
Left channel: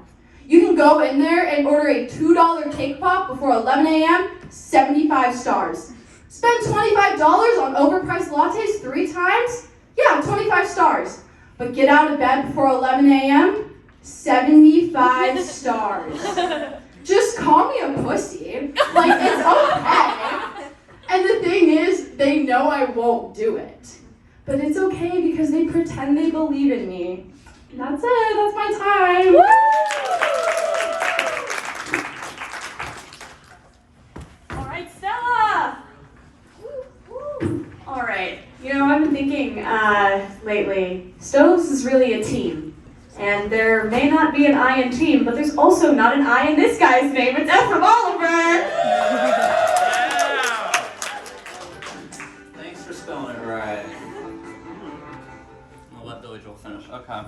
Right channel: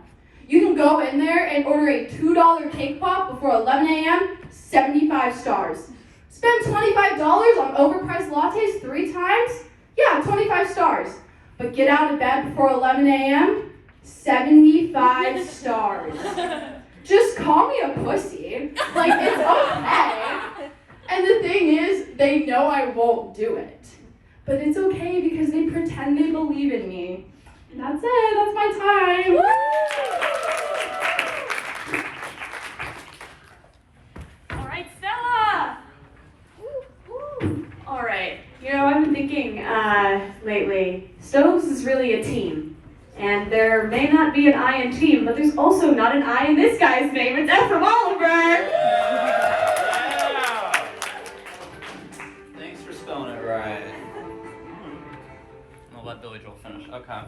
You can go in there and order a $2 cake pop before 11 a.m., 75 stars. Spend $25 on overpriced lattes 3 times? Yeah, 25 stars. But get out of bed before 11 a.m., 75 stars. Just call me a pussy. Like, it's okay. And the thing is, they know I won't do it. But it's okay because they pretend they believe in me. And that's it, that's my time. All right, Stella. All right. You know, I've been thinking lately, Stoves is really a team. And there may not be an I in team, but there's also not an I in this guy's name. It's Ephram Oliver. Thanks for spelling it right. I'll let Billy Joel finish. Okay.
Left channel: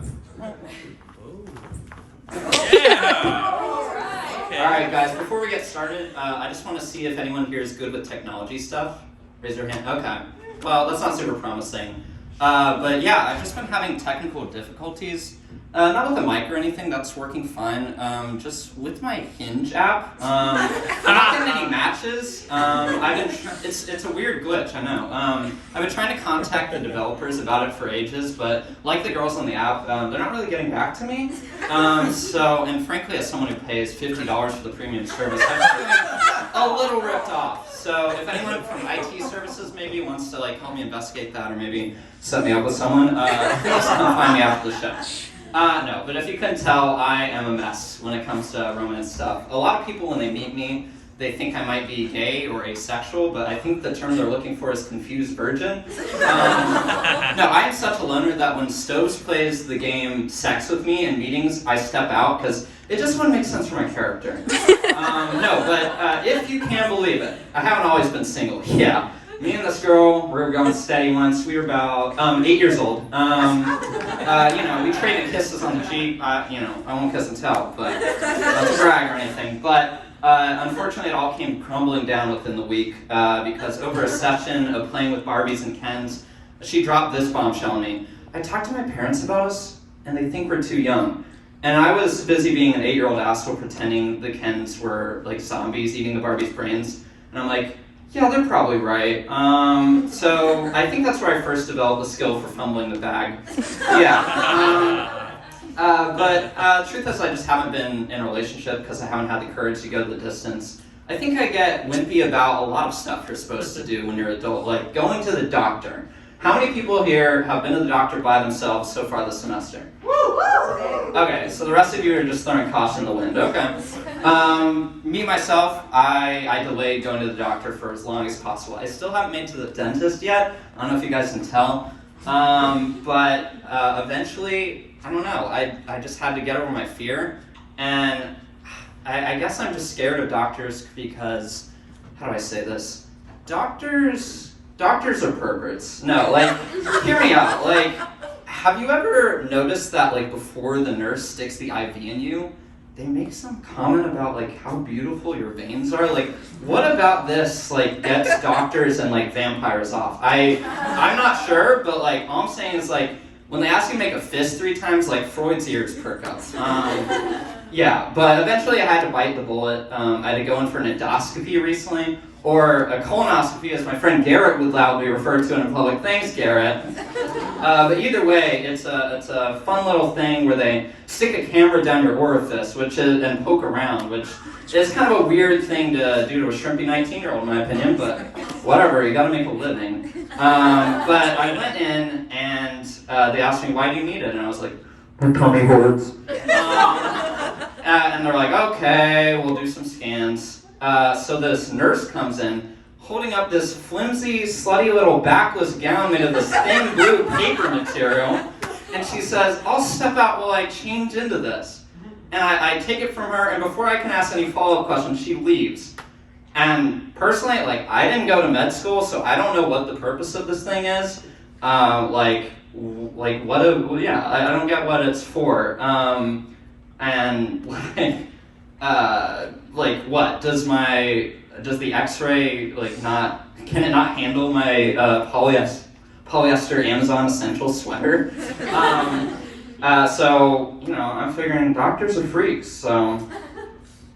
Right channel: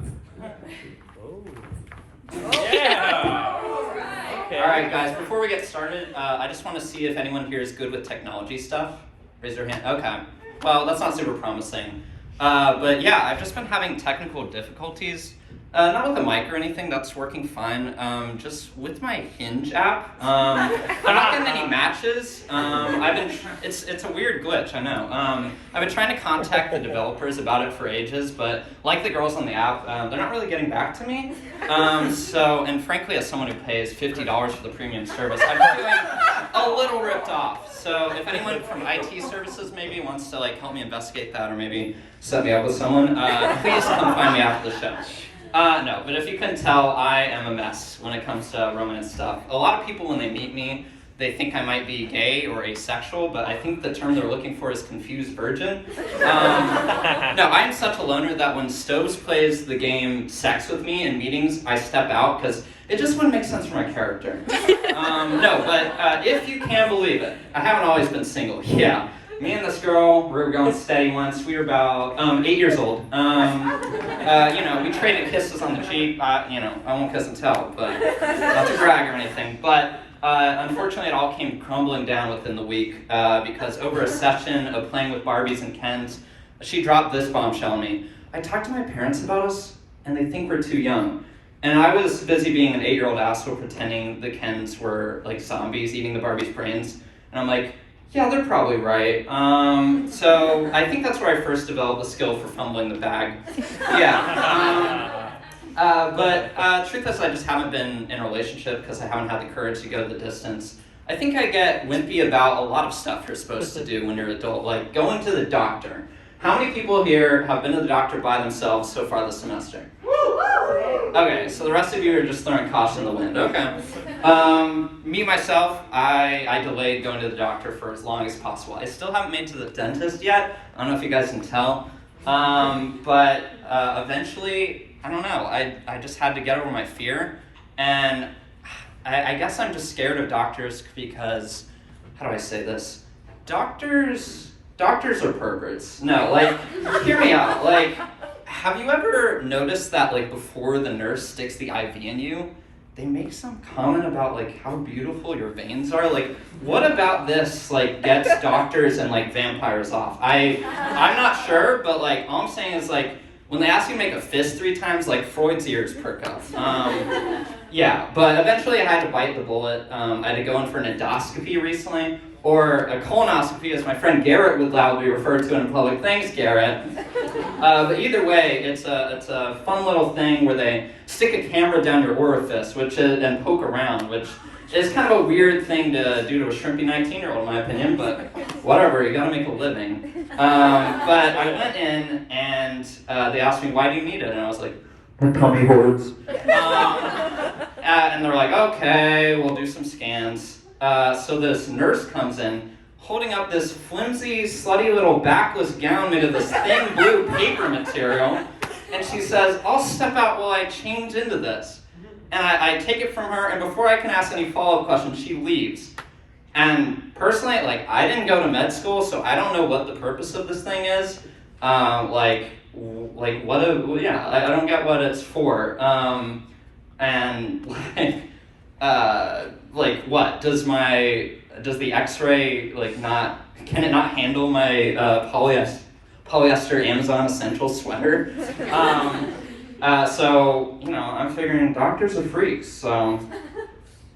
Alright guys, before we get started, I just want to see if anyone here is good with technology stuff. Raise your hand. Okay. Well, that's not super promising. But yeah, I've just been having technical difficulties. Not with the mic or anything, that's working fine. Just with my Hinge app. I'm not getting any matches. It's a weird glitch, I know. I've been trying to contact the developers about it for ages, but like the girls on the app, they're not really getting back to me. And frankly, as someone who pays $50 for the premium service, I'm feeling a little ripped off. So if anyone from IT services maybe wants to like help me investigate that or maybe set me up with someone, please come find me after the show. No, but if you couldn't tell, I am a mess when it comes to romance stuff. A lot of people, when they meet me, they think I might be gay or asexual, but I think the term they're looking for is confused virgin. No, I am such a loner that when Stoves plays the game sex with me in meetings, I step out because it just wouldn't make sense for my character. No, but if you can believe it, I haven't always been single. Yeah. Me and this girl, we were going steady once. We were about 8 years old. We traded kisses on the cheek. I won't kiss and tell, but not to brag or anything. But unfortunately, it all came crumbling down within the week because over a session of playing with Barbies and Kens, she dropped this bombshell on me. I talked to my parents about us, and they think we're too young. And I was busy being an 8-year-old asshole pretending the Kens were like zombies eating the Barbies' brains. And I'm like, yeah, they're probably right. So I think that's where I first developed the skill for fumbling the bag. Yeah. But truth is, I just haven't been in a relationship because I haven't had the courage to go the distance. I think I get wimpy about a lot of stuff you're supposed to do when you're an adult, like going to the doctor. How many people here have been to the doctor by themselves so far this semester? Okay, so the rest of you are just throwing caution in the wind. Okay. Me, myself, I delayed going to the doctor for as long as possible. I still haven't made it to the dentist yet. I don't know if you guys can tell. But eventually, I don't know, I just had to get over my fear. And I guess I'm just scared of doctors because, how do I say this? Doctors are perverts. No, like, hear me out. Like, have you ever noticed that, like, before the nurse sticks the IV in you, they make some comment about, like, how beautiful your veins are? Like, what about this, like, gets doctors and, like, vampires off? I'm not sure, but, like, all I'm saying is, like, when they ask you to make a fist 3 times, like, Freud's ears perk up. Yeah, but eventually I had to bite the bullet. I had to go in for an endoscopy recently, or a colonoscopy, as my friend Garrett would loudly refer to in public. Thanks, Garrett. But either way, it's a fun little thing where they stick a camera down your orifice, and poke around, which is kind of a weird thing to do to a shrimpy 19-year-old, in my opinion. But whatever, you got to make a living. But I went in and they asked me, "Why do you need it?" And I was like, "My tummy hurts." And they're like, "Okay, we'll do some scans." So this nurse comes in, holding up this flimsy, slutty little backless gown made of this thin blue paper material, and she says, "I'll step out while I change into this." And I take it from her, and before I can ask any follow-up questions, she leaves. And personally, like, I didn't go to med school, so I don't know what the purpose of this thing is. I don't get what it's for. What does the X-ray can it not handle my polyester Amazon essential sweater? So I'm figuring doctors are freaks, so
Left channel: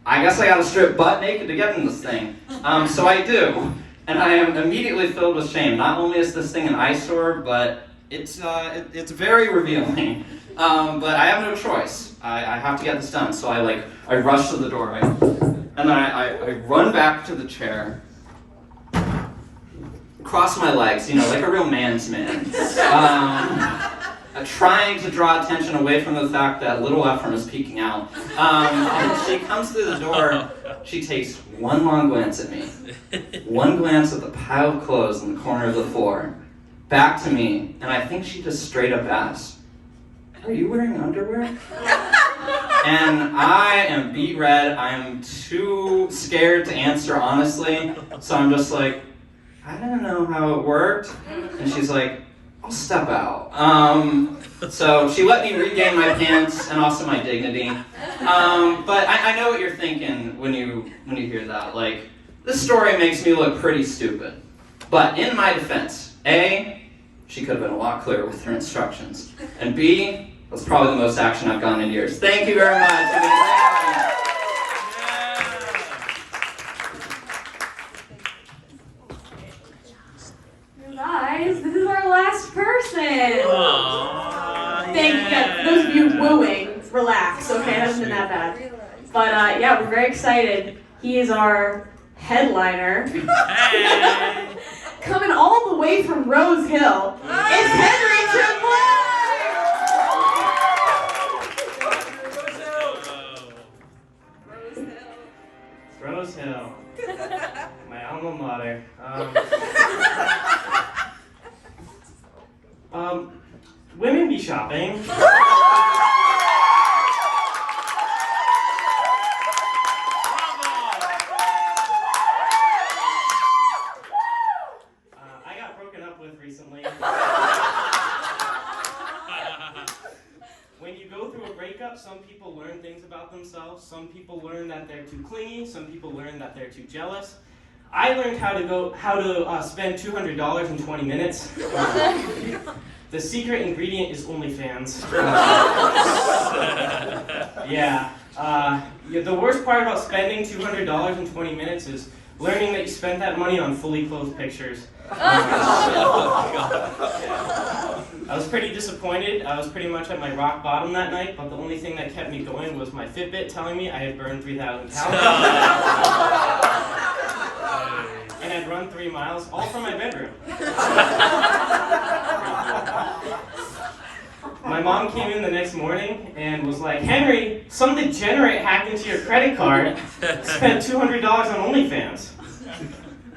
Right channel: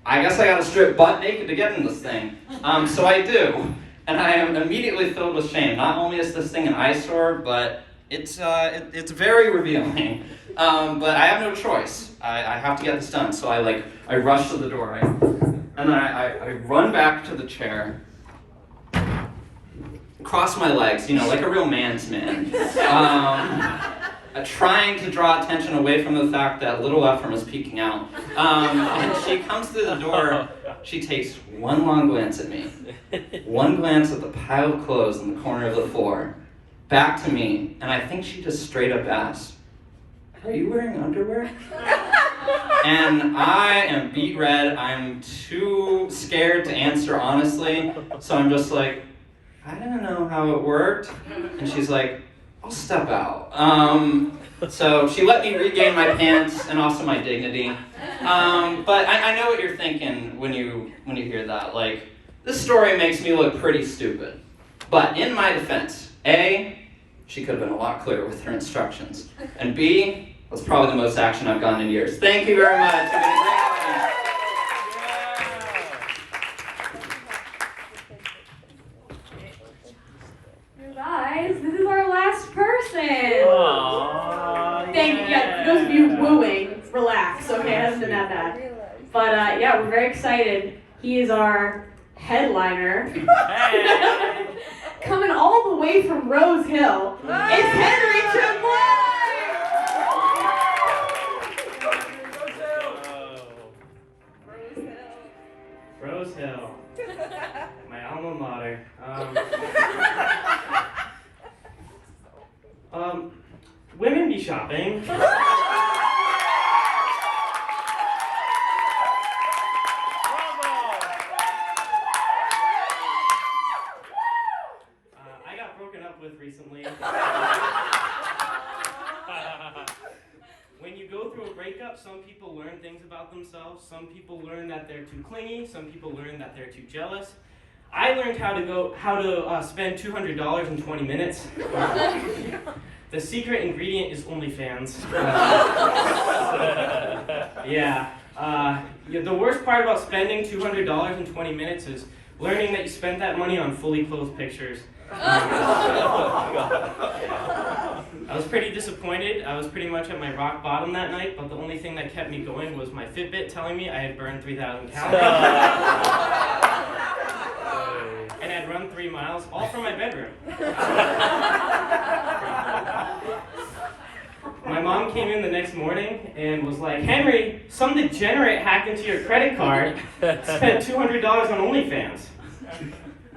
I guess I gotta strip butt naked to get in this thing. So I do, and I am immediately filled with shame. Not only is this thing an eyesore, but it's very revealing. But I have no choice. I have to get this done. So I rush to the doorway, and then I run back to the chair, cross my legs, like a real man's man. Trying to draw attention away from the fact that little Ephram is peeking out. And she comes through the door, she takes one long glance at me, one glance at the pile of clothes in the corner of the floor, back to me, and I think she just straight up asked, "Are you wearing underwear?" And I am beet red, I'm too scared to answer honestly, so I'm just like, "I don't know how it worked." And she's like, "I'll step out." So she let me regain my pants and also my dignity. But I know what you're thinking when you hear that. Like, this story makes me look pretty stupid. But in my defense, A, she could have been a lot clearer with her instructions. And B, that's probably the most action I've gotten in years. Thank you very much. You've been a great audience. Guys, this is our last person. Aww, Thank you guys. For those of you wooing, relax, okay? It hasn't been that bad. But yeah, we're very excited. He is our headliner. Hey. Coming all the way from Rose Hill. It's Henry Tremblay! Rose Hill, my alma mater. Women be shopping. I got broken up with recently. When you go through a breakup, some people learn things about themselves. Some people learn that they're too clingy. Some people learn that they're too jealous. I learned how to spend $200 in 20 minutes. The secret ingredient is OnlyFans. Yeah. The worst part about spending $200 in 20 minutes is learning that you spent that money on fully clothed pictures. I was pretty disappointed. I was pretty much at my rock bottom that night, but the only thing that kept me going was my Fitbit telling me I had burned 3,000 calories. And I'd run 3 miles, all from my bedroom. My mom came in the next morning and was like, "Henry, some degenerate hacked into your credit card, spent $200 on OnlyFans."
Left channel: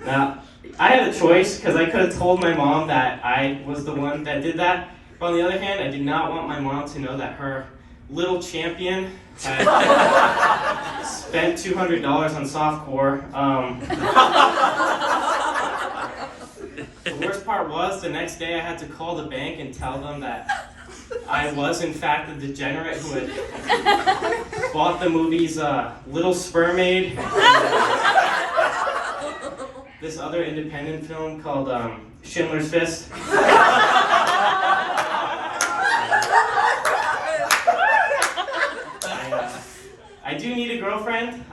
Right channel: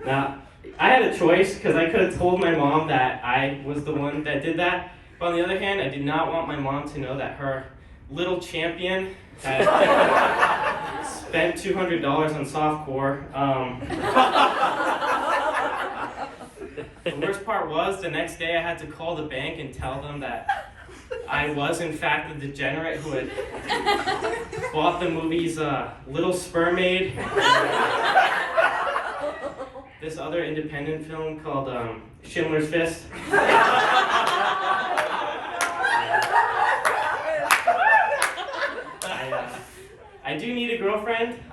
Now, I had a choice because I could have told my mom that I was the one that did that. But on the other hand, I did not want my mom to know that her little champion had spent $200 on softcore. The worst part was the next day I had to call the bank and tell them that I was in fact the degenerate who had bought the movies Little Spermaid, this other independent film called Schindler's Fist. I do need a girlfriend.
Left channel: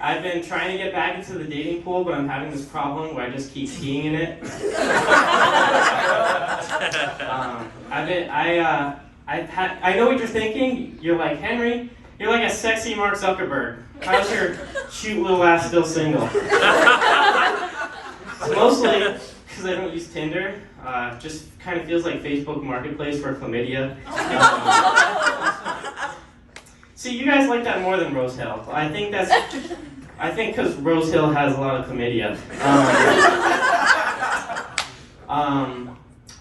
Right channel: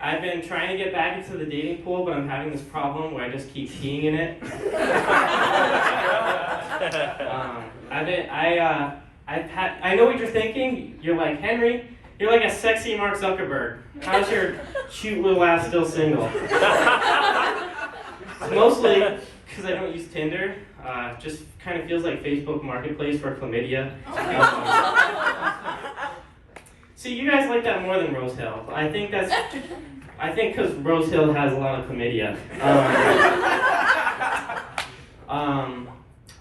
I've been trying to get back into the dating pool, but I'm having this problem where I just keep peeing in it. I know what you're thinking. You're like, "Henry, you're like a sexy Mark Zuckerberg. How's your cute little ass still single?" Mostly because I don't use Tinder. Just kind of feels like Facebook Marketplace for chlamydia. See, you guys like that more than Rose Hill. I think because Rose Hill has a lot of chlamydia.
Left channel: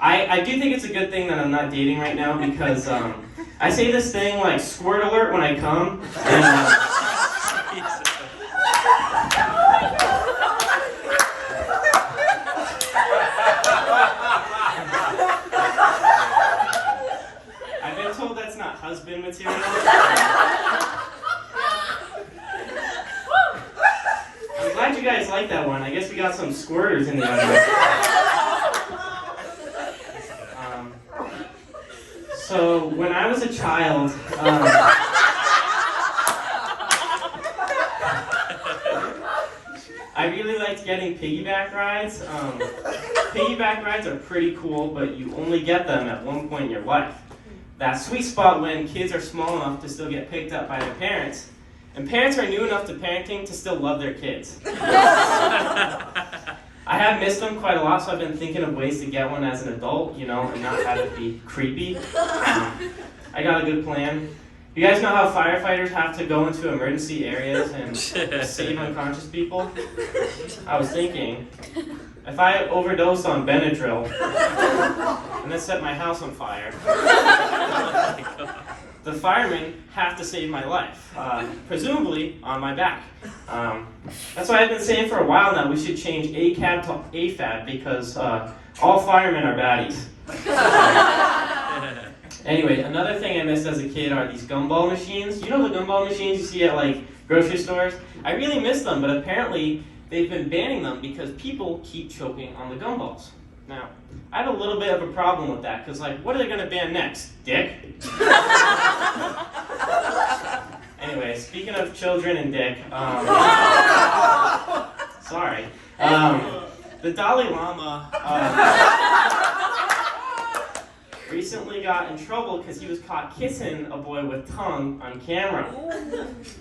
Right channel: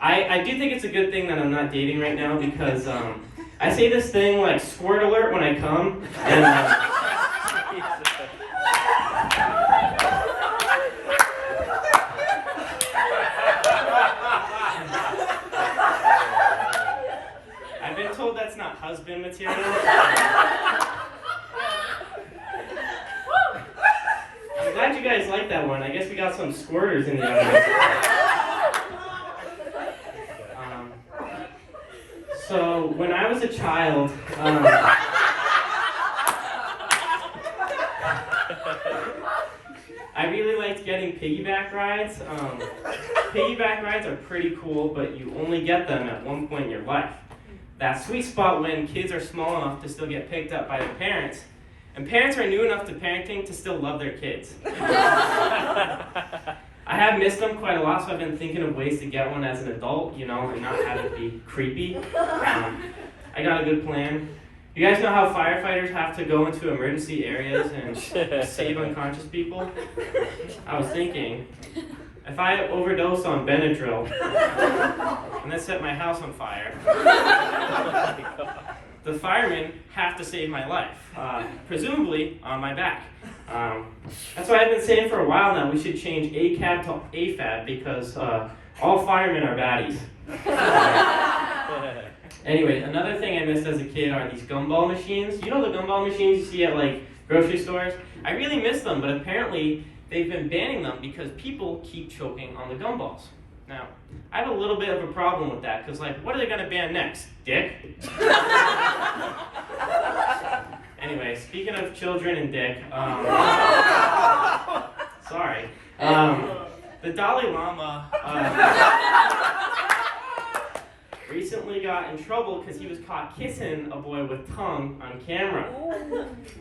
I do think it's a good thing that I'm not dating right now because I say this thing like squirt alert when I come. And, I've been told that's not husband material. I'm glad you guys like that one. I guess we got some squirters in the audience. So when I was a child, I really liked getting piggyback rides. Piggyback rides are pretty cool, but you only get them at one point in your life. That sweet spot when kids are small enough to still get picked up by their parents, and parents are new enough to parenting to still love their kids. I have missed them quite a lot, so I've been thinking of ways to get one as an adult, you know, and not have it be creepy. I got a good plan. You guys know how firefighters have to go into emergency areas and save unconscious people? I was thinking, if I overdose on Benadryl and then set my house on fire, the firemen have to save my life, presumably on my back. That's why I've been saying for a while now we should change ACAB to AFAB because all firemen are baddies. Anyway, another thing I missed as a kid are these gumball machines. You know the gumball machines you see at like grocery stores? I really miss them, but apparently they've been banning them because people keep choking on the gumballs. Now, I have a little bit of a problem with that, because like, what are they gonna ban next? Dick? Anyway, speaking of children and dick, sorry. The Dalai Lama recently got in trouble because he was caught kissing a boy with tongue on camera.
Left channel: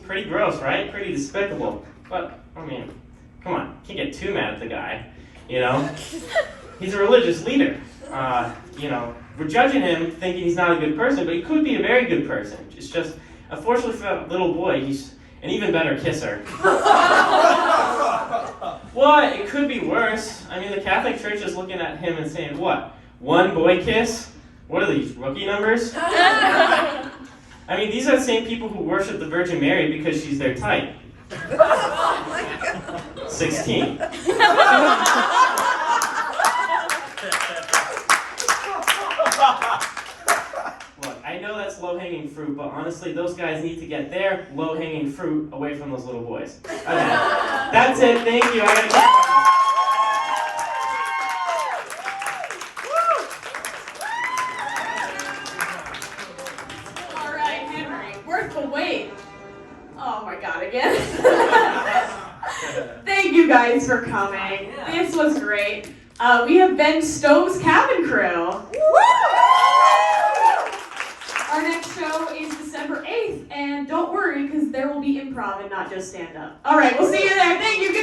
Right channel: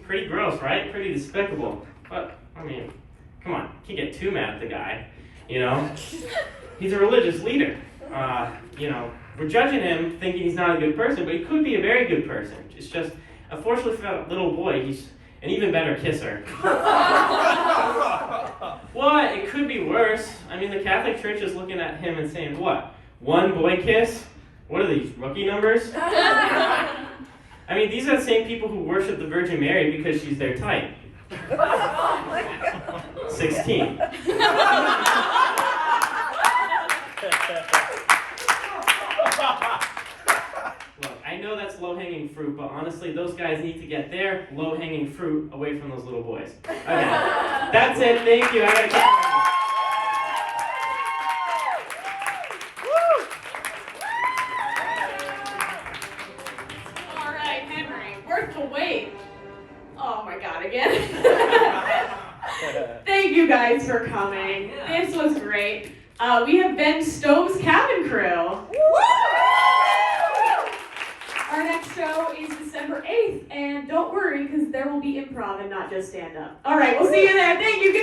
Pretty gross, right? Pretty despicable. But, I mean, come on, can't get too mad at the guy, you know? He's a religious leader. You know, we're judging him thinking he's not a good person, but he could be a very good person. It's just, unfortunately for that little boy, he's an even better kisser. What? It could be worse. I mean, the Catholic Church is looking at him and saying, what? One boy kiss? What are these, rookie numbers? I mean, these are the same people who worship the Virgin Mary because she's their type. 16. Look, I know that's low-hanging fruit, but honestly, those guys need to get their low-hanging fruit away from those little boys. Okay, that's it. Thank you. I gotta go. All right, Henry, worth the wait. Oh my God, again. Thank you guys for coming. This was great. We have Ben Stowe's Cabin Crew. Our next show is December 8th, and don't worry, because there will be improv and not just stand-up. All right, we'll see you there. Thank you, guys.